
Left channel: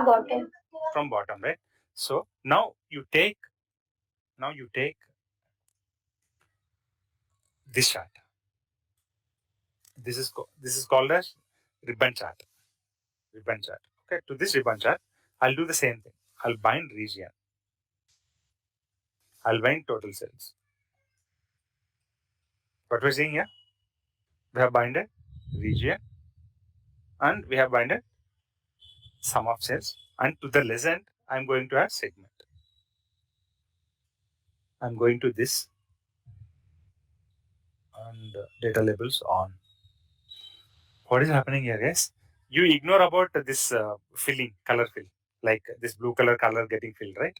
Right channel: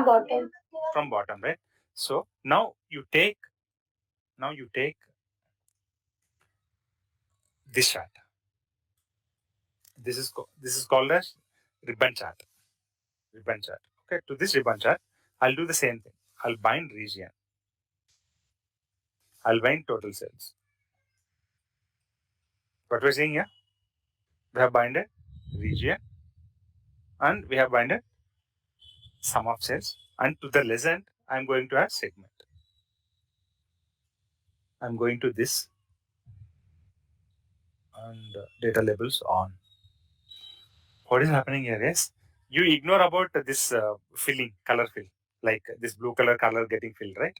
bottom. From bottom, right? So now you take this chart. This is called as ribbon chart. Ribbon chart. Okay, to this ribbon chart, I'll do the same thing. I'll bind region. I'll bind total sales. What we're seeing here, we have binded region, and we have binded sum of sales. And to the legend, I'm going to add segment. I'm going to this and data labels on. What is happening here is you ignore about this filling, color fill, like this blue color getting filled, right?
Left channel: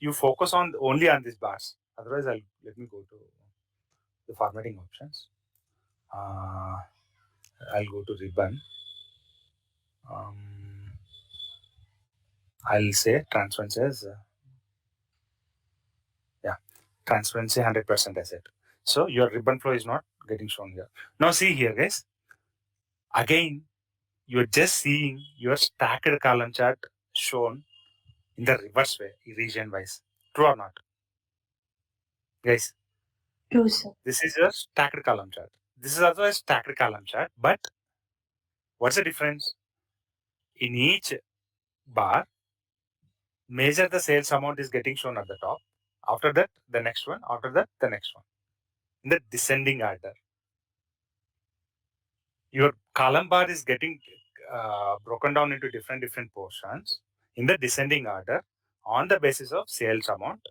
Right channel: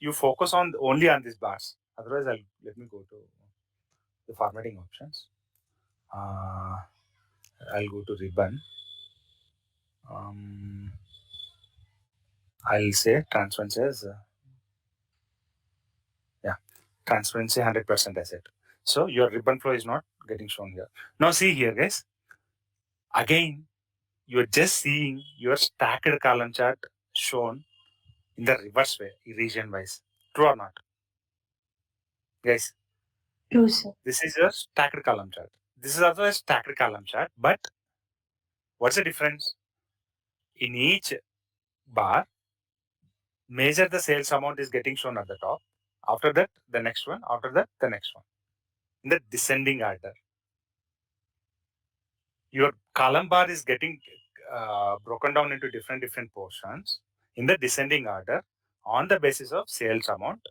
You focus on only on these bars. Otherwise, let me go to the formatting options. I'll go to ribbon. I'll say transparency as transparency 100% as it. So your ribbon flow is not getting shown here. Now see here, guys. Again, you're just seeing your stacked column chart shown in the reverse way, region wise. True or not? Guys, True, sir. this is your stacked column chart. This is also a stacked column chart, but what's the difference? In each bar, measure the sales amount is getting shown at the top. After that, the next one. After that, the next one. In the descending order. Your column bar is getting broken down into different portions in the descending order on the basis of sales amount,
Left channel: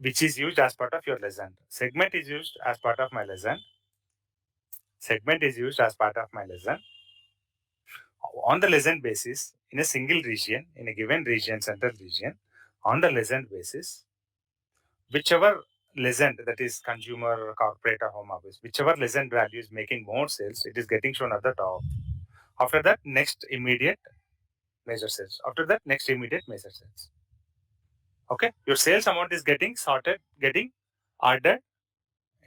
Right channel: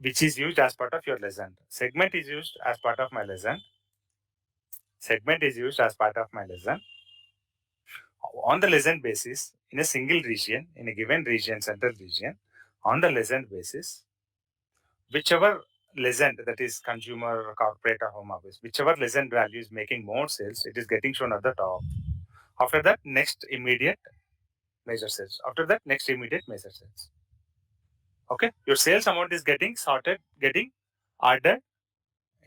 which is used as part of your lesson. Segment is used as part of my lesson. Segment is used as part of my lesson. On the lesson basis, in a single region, in a given region, central region, on the lesson basis, whichever lesson, that is consumer, corporate, or home office, whichever lesson value is making more sales, it is getting shown at the top. After that, next immediate measure sales. After that, next immediate measure sales. Okay, your sales amount is getting sorted, getting ordered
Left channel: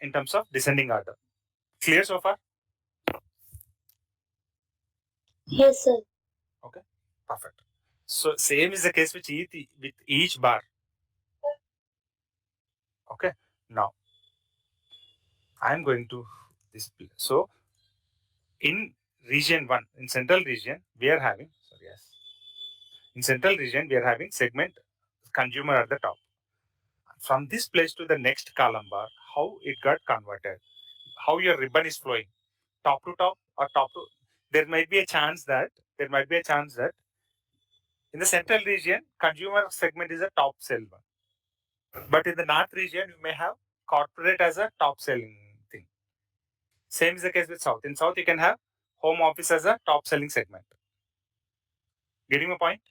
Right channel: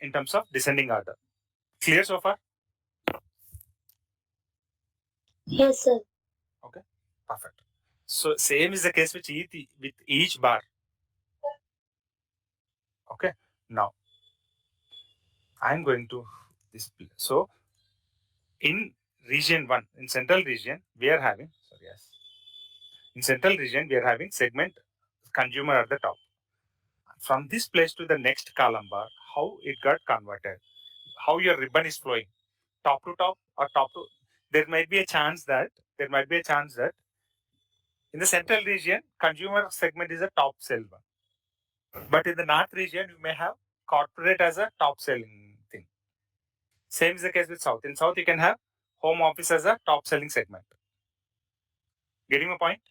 in terms of descending order. Clear so far? Yes, sir. Okay, perfect. So same is the case with each bar. Okay, now I'm going to display. So in region 1, in central region, we are having, in central region, we are having segment consumer at the top. From this place to the next column bar, how it got converted, how your ribbon is flowing, top to top or top to, there might be a chance that in the central region, consumer segment is a top sell one. But in the north region, you may have corporate as a top selling thing. Same is the case with south. In south, you can have home office as a top selling segment. Getting my point?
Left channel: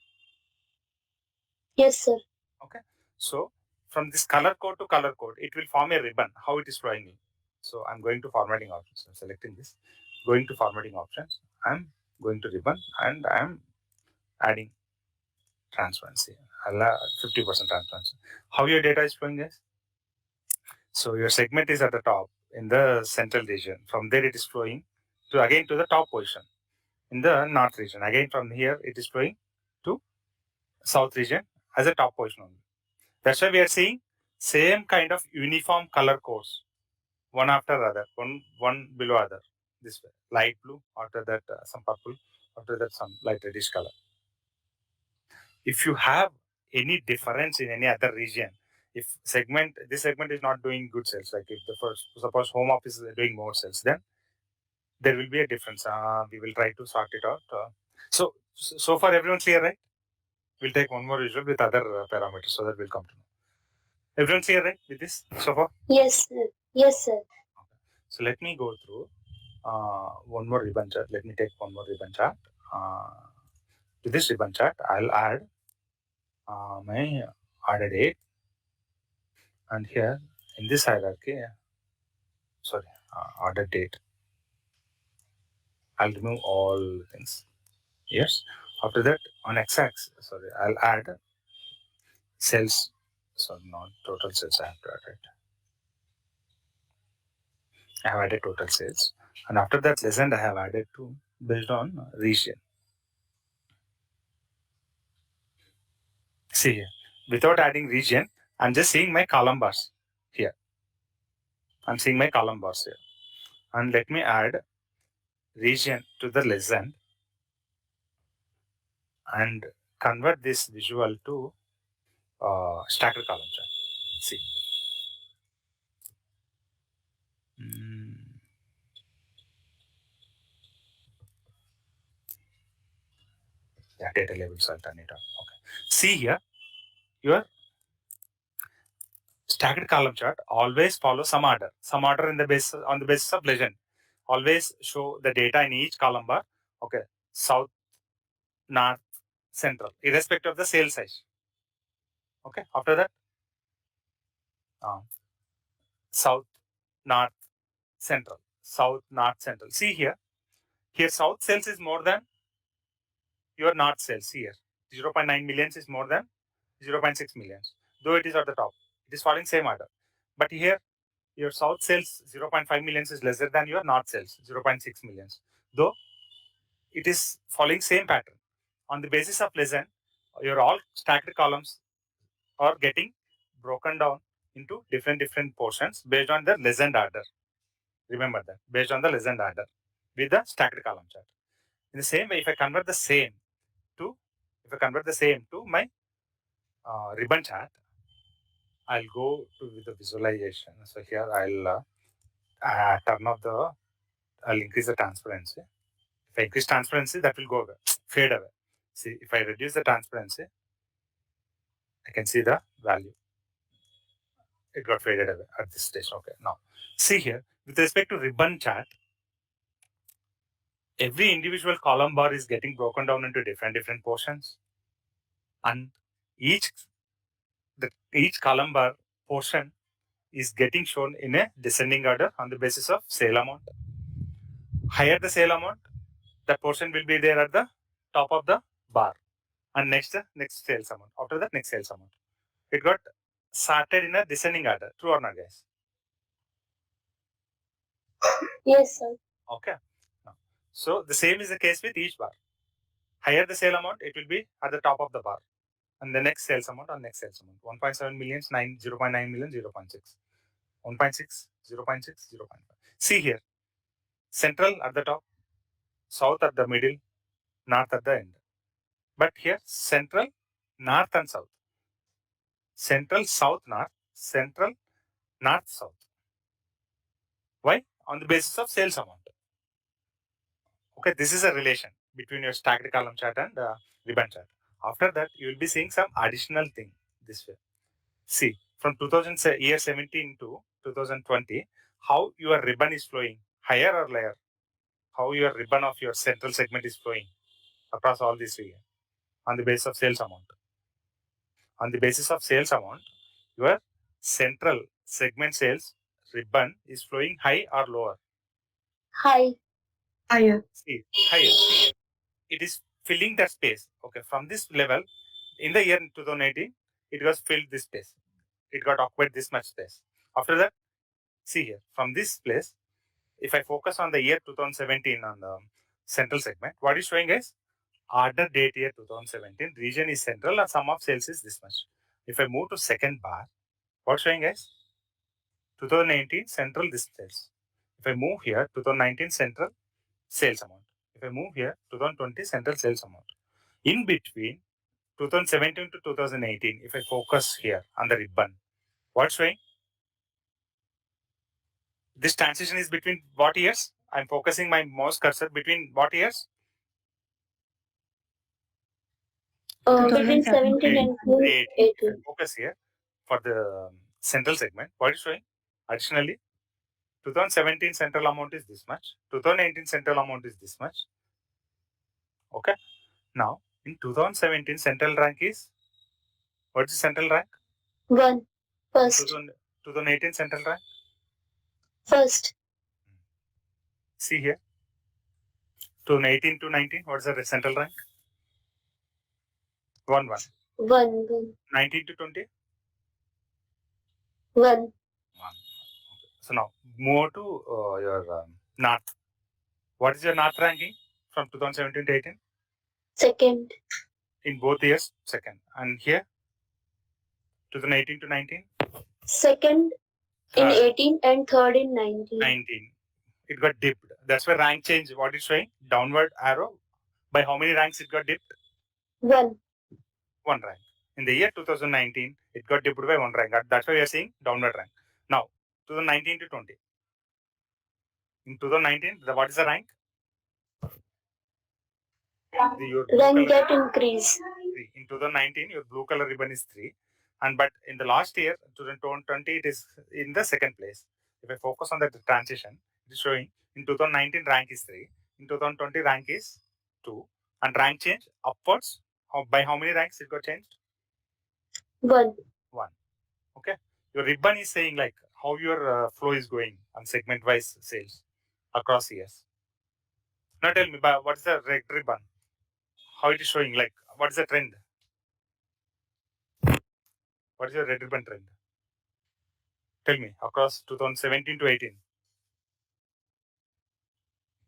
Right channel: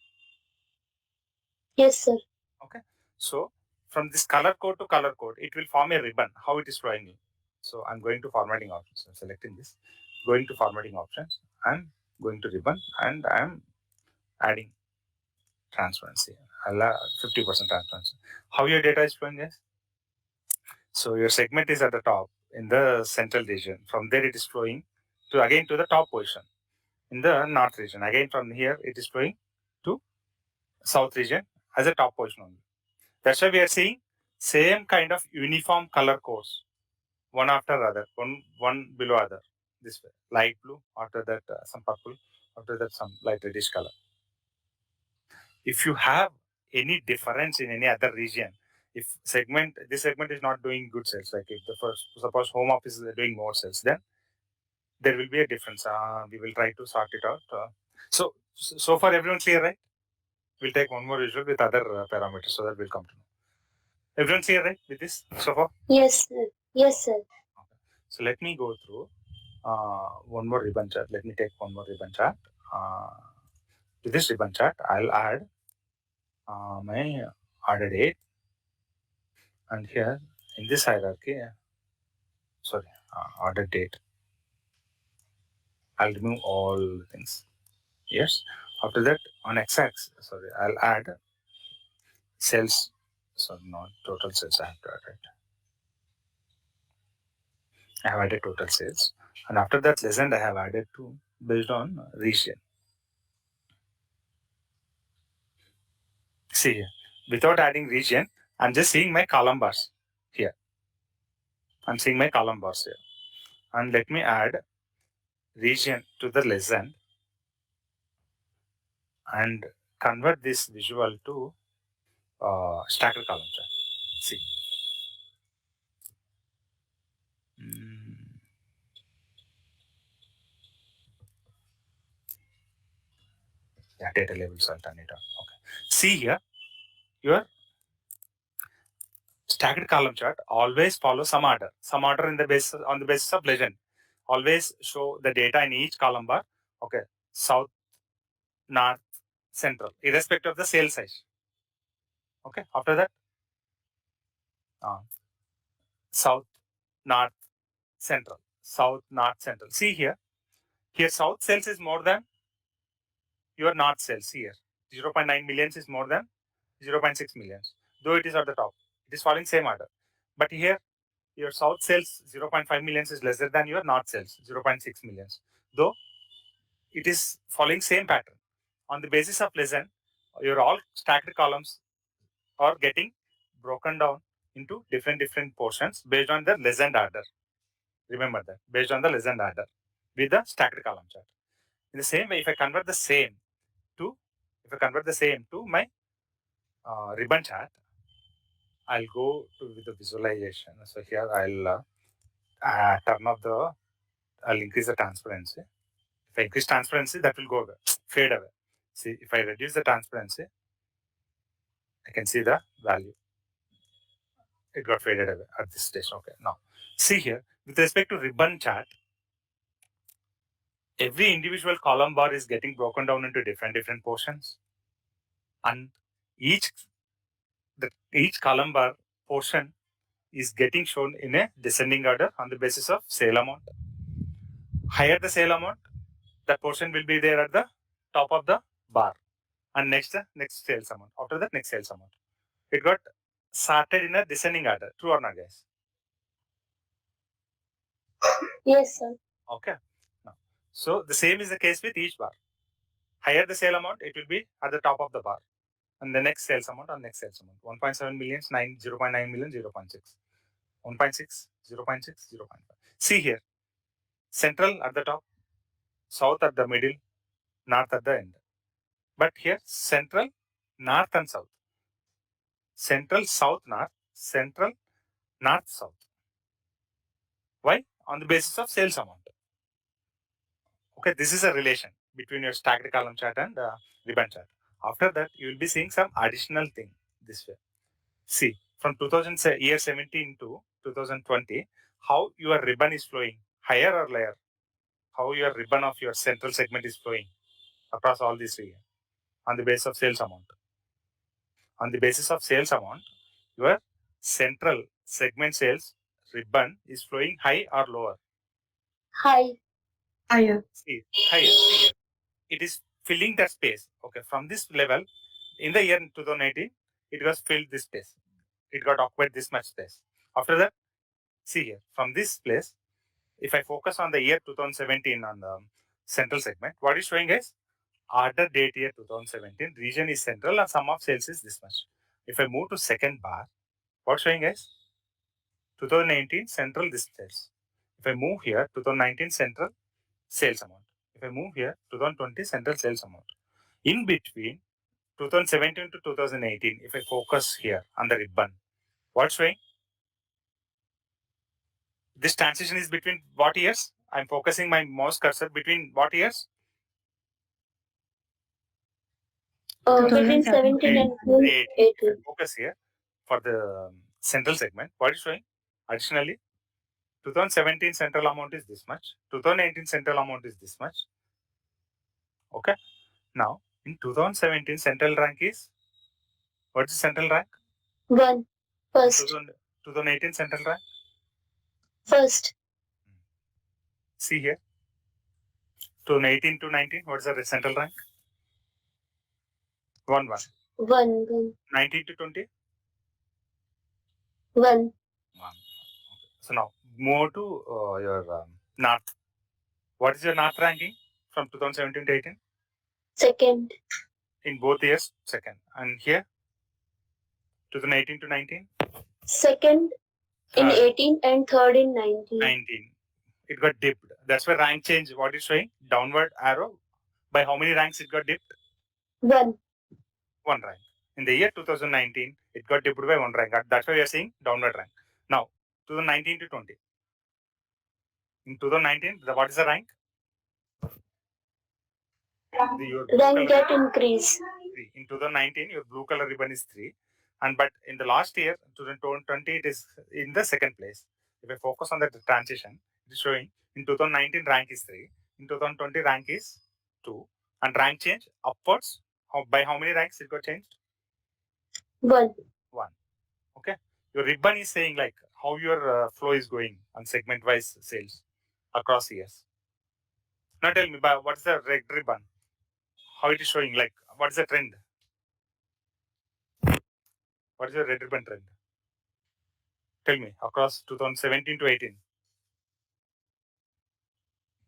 Yes, sir. Okay. So from this color code to color code, it will form a ribbon, how it is flowing in. So I'm going to formatting options. I'm selecting this, going to formatting options. I'm going to ribbon and I'm adding transparency. I'll add 50% transparency. How your data is flowing, guys? So your segment is at the top in the central region. From there, it is flowing to again to the top position in the north region. Again, from here, it is flowing to south region as a top position only. That's why we are seeing same kind of uniform color codes, one after other, one below other. This way, light blue. After that, some purple. After that, some light reddish color. If you have any difference in any other region, if this segment is not doing good sales, like if the first, suppose home office is doing more sales, then there will be a difference. We will try to sort it out. So far everyone clear, right? We'll take one more visual with other parameters so that we'll come to know. Everyone clear, right, with this so far? Yes, sir. Yes, sir. Okay. So let me go through one more ribbon chart. Let me take one more ribbon chart. To this ribbon chart, I'll add my order date, and here in this hierarchy, order date. I'll remove all the things. Yes. After that, on x-axis, I'll add sales. Not total sales. I have to add it. I have added total sales, and after that, lesson I have added to based on region. See here, without adding region, I'm just seeing my column bars here. I'm seeing my column bars here, and let me add region to the lesson and convert this visual to stacked column chart. See. Yeah, data labels. I'll turn it on. Okay. See here, your stacked column chart always follows some order. Some order in the basis on the basis of legend. Always show the data in each column bar. Okay. South, north, central, irrespective of the sale size. Okay. After that, south, north, central, south, north, central. See here. Here, south sales is more than your north sales here. 0.9 millions is more than 0.6 millions. Though it is at the top, it is following same order. But here, your south sales 0.5 millions is lesser than your north sales 0.6 millions. Though it is following same pattern. On the basis of legend, your all stacked columns are getting broken down into different portions based on the legend order. Remember that, based on the legend order with the stacked column chart. In the same way, if I convert the same to my ribbon chart, I'll go to the visualization. So here I'll turn off the, I'll increase the transparency. If I increase transparency, that will go away, fade away. See, if I reduce the transparency, I can see the value. It got faded away at this stage. Okay, now see here, with respect to ribbon chart, every individual column bar is getting broken down into different portions, and each column bar portion is getting shown in a descending order on the basis of sale amount. Higher the sale amount, that portion will be there at the top of the bar, and next the next sales amount. After that, next sales amount. It got sorted in a descending order. True or not, guys? Yes, sir. Okay. Now, so the same is the case with each bar. Higher the sale amount, it will be at the top of the bar, and the next sales amount on next sales amount. 1.7 millions, 0.9 million, 0.6. 1.6, 0.6, 0.5. See here, central at the top, south at the middle, north at the end. But here, central, north and south. Central, south, north, central, north, south. Why? On the basis of sales amount. Okay, this is a relation between your stacked column chart and ribbon chart. After that, you will be seeing some additional thing this way. See, from year 17 to 2020, how your ribbon is flowing, higher or lower? How your ribbon of your central segment is flowing across all these region on the basis of sales amount. On the basis of sales amount, your central segment sales ribbon is flowing high or lower? High. Higher. See, higher. See, it is filling that space. Okay, from this level, in the year 2018, it was filled this space. It got occupied this much space. After that, see here, from this place, if I focus on the year 2017 on the central segment, what is showing is order date year 2017, region is central and sum of sales is this much. If I move to second bar, what's showing is 2019 central this sales. If I move here, 2019 central sales amount. If I move here, 2020 central sales amount. In between 2017 to 2018, if I focus here on the ribbon, what's showing? This transition is between what years? I'm focusing my mouse cursor between what years? Between 17 and 18. If I focus here for the central segment, what is showing? Additionally, 2017 central amount is this much. 2018 central amount is this much. Okay. Now, in 2017 central rank is, what is the central rank? 1. First. 2018 central rank? First. See here. 2018 to 19, what is the central rank? 1, 1. 1. 1. 19 to 20? 1. 1. Okay. So now, move to your north. What is your north ranking from 2017 to 18? Second. In both years, second. And here, 2018 to 19? Second in 18 and third in 19. 19. It got dipped. That's why rank change, what is showing? Downward arrow. By how many ranks it got dipped? 1. 1 rank. In the year 2019, it got dipped by 1 rank. That's why we are seeing downward rank. Now, 2019 to 20. In 2019, what is the rank? Your blue Then color get increase. 3. In 2019, your blue color ribbon is 3. And but in the last year, 2020, it is in the second place. If I focus on the transition, it is showing in 2019 rank is 3. In 2020 rank is 2. And rank change upwards. By how many ranks it got changed? 1. 1. Okay. Your ribbon is saying like how your flow is going on segment wise sales across years. Now tell me, what's the red ribbon? How it is showing? Like what is the trend? What is your red ribbon trend? Tell me across 2017 to 18.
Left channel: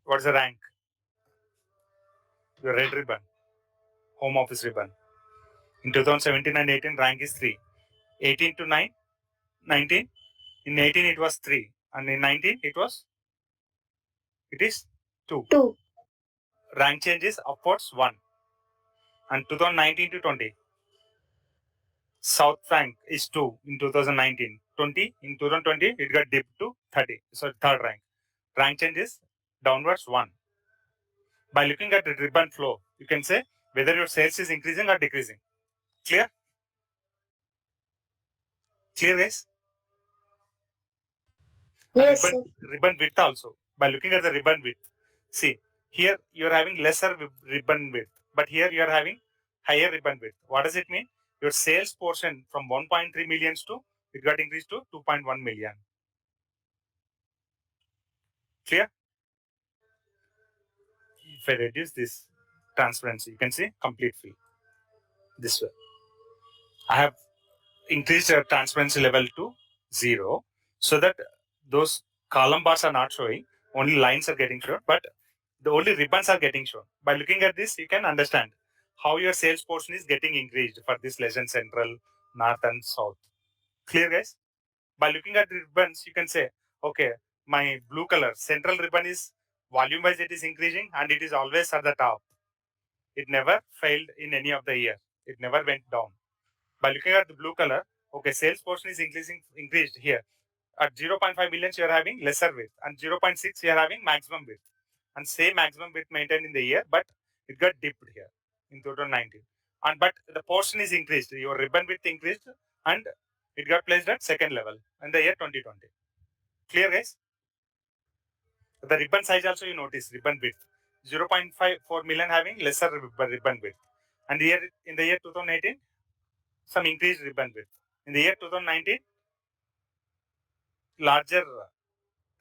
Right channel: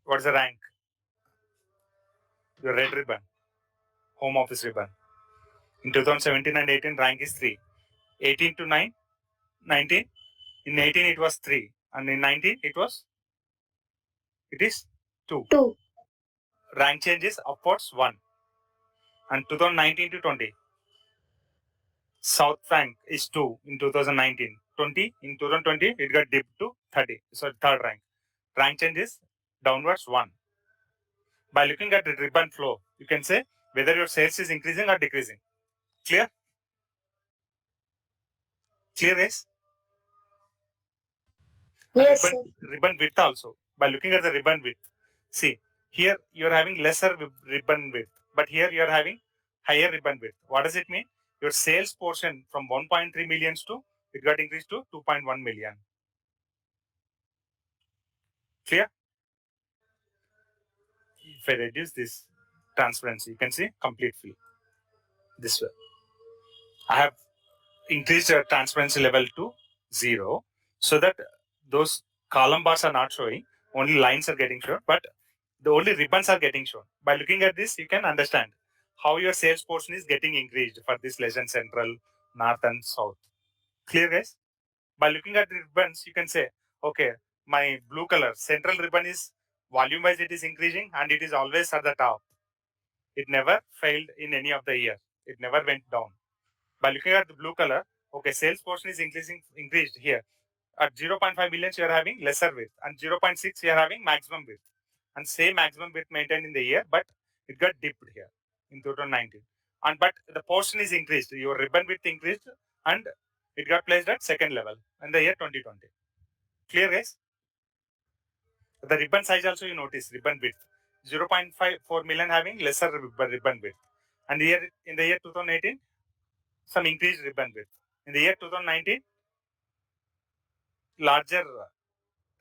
What is the rank? Your red ribbon, home office ribbon. In 2017 and 18, rank is 3. 18 to 9, 19. In 18, it was 3. And in 19, it is 2. 2. Rank change is upwards 1. And 2019 to 20, South rank is 2 in 2019. 20 in 2020, it got dipped to 30. So third rank. Rank change is downwards 1. By looking at the ribbon flow, you can say whether your sales is increasing or decreasing. Clear? Clear, guys? Yes, Ribbon width also. By looking at the ribbon width, see here you are having lesser ribbon width, but here you are having higher ribbon width. What does it mean? Your sales portion from 1.3 millions to it got increased to 2.1 million. Clear? If I reduce this transparency, you can see complete fill. This way, I have increased the transparency level to 0 so that those column bars are not showing, only lines are getting shown, but the only ribbons are getting shown. By looking at this, you can understand how your sales portion is getting increased for this legend central, north and south. Clear, guys? By looking at the ribbons, you can say, okay, my blue color central ribbon is volume wise it is increasing and it is always at the top. It never failed in any of the year. It never went down. By looking at the blue color, okay, sales portion is increased here. At 0.5 millions, you are having lesser width, and 0.6 you are having maximum width, and same maximum width maintained in the year, but it got dipped here in 2019. And but the portion is increased, your ribbon width increased, and it got placed at second level in the year 2020. Clear, guys? The ribbon size also you notice ribbon width 0.54 million having lesser ribbon width, and here in the year 2018 some increased ribbon width. In the year 2019, larger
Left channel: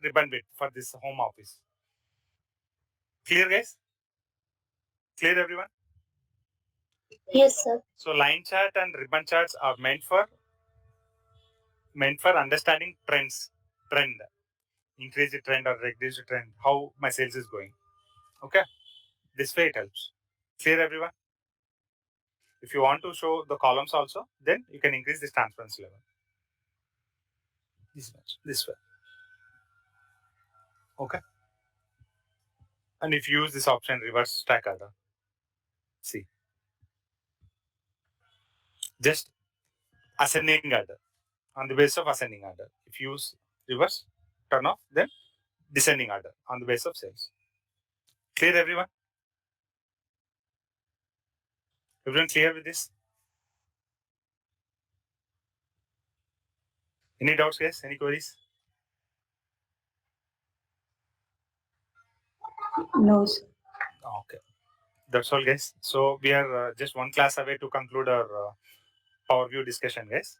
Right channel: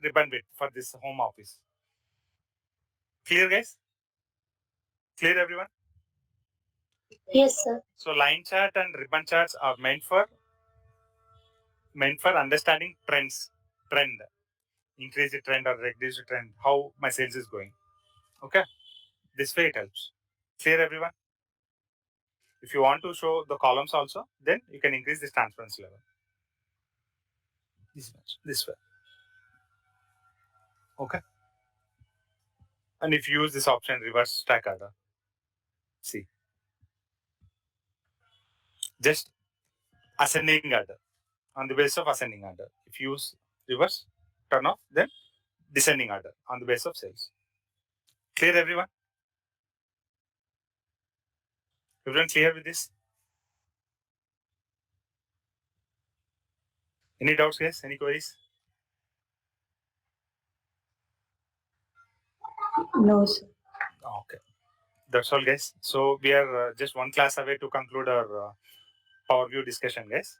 ribbon width for this home office. Clear, guys? Clear, everyone? yes, sir. So line chart and ribbon charts are meant for understanding trend, increase trend or reduce trend, how my sales is going. Okay, this way it helps. Clear, everyone? If you want to show the columns also, then you can increase this transparency level. This way. Okay. And if you use this option reverse stack order, see, just ascending order on the basis of ascending order. If you use reverse turn off, then descending order on the basis of sales. Clear, everyone? Everyone clear with this? Any doubts, guys? Any queries? No, sir. Okay. That's all, guys. So we are just one class away to conclude our Power View discussion, guys.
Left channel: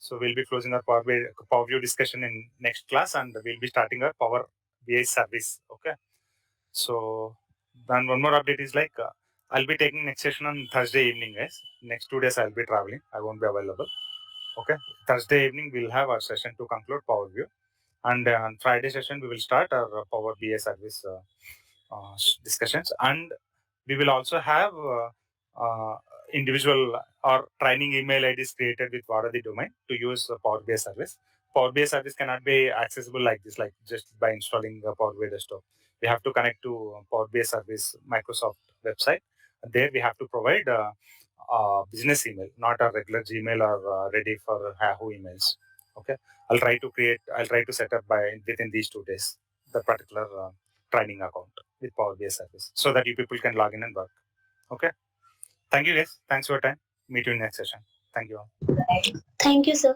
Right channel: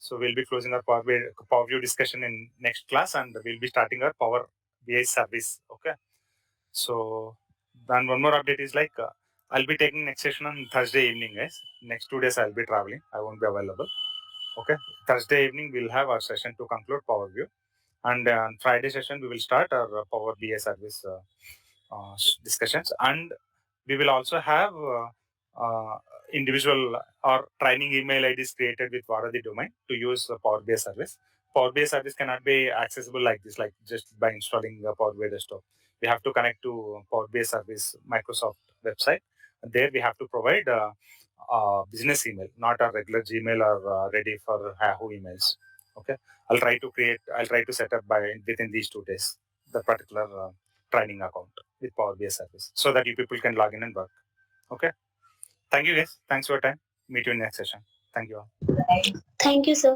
So we'll be closing our Power View discussion in next class, and we'll be starting our Power BI service. Okay. So then one more update is like I'll be taking next session on Thursday evening, guys. Next 2 days I'll be traveling. I won't be available. Okay. Thursday evening we'll have our session to conclude Power View, and on Friday session we will start our Power BI service discussions, and we will also have individual or training email IDs created with Varadi domain to use Power BI service. Power BI service cannot be accessible like this, like just by installing Power BI desktop. We have to connect to Power BI service Microsoft website. And there we have to provide business email, not a regular Gmail or ready for Yahoo emails. Okay, I'll try to set up by within these 2 days the particular training account with Power BI service so that you people can log in and work. Okay. Thank you guys. Thanks for your time. Meet you in next session. Thank you all. Thank you, sir.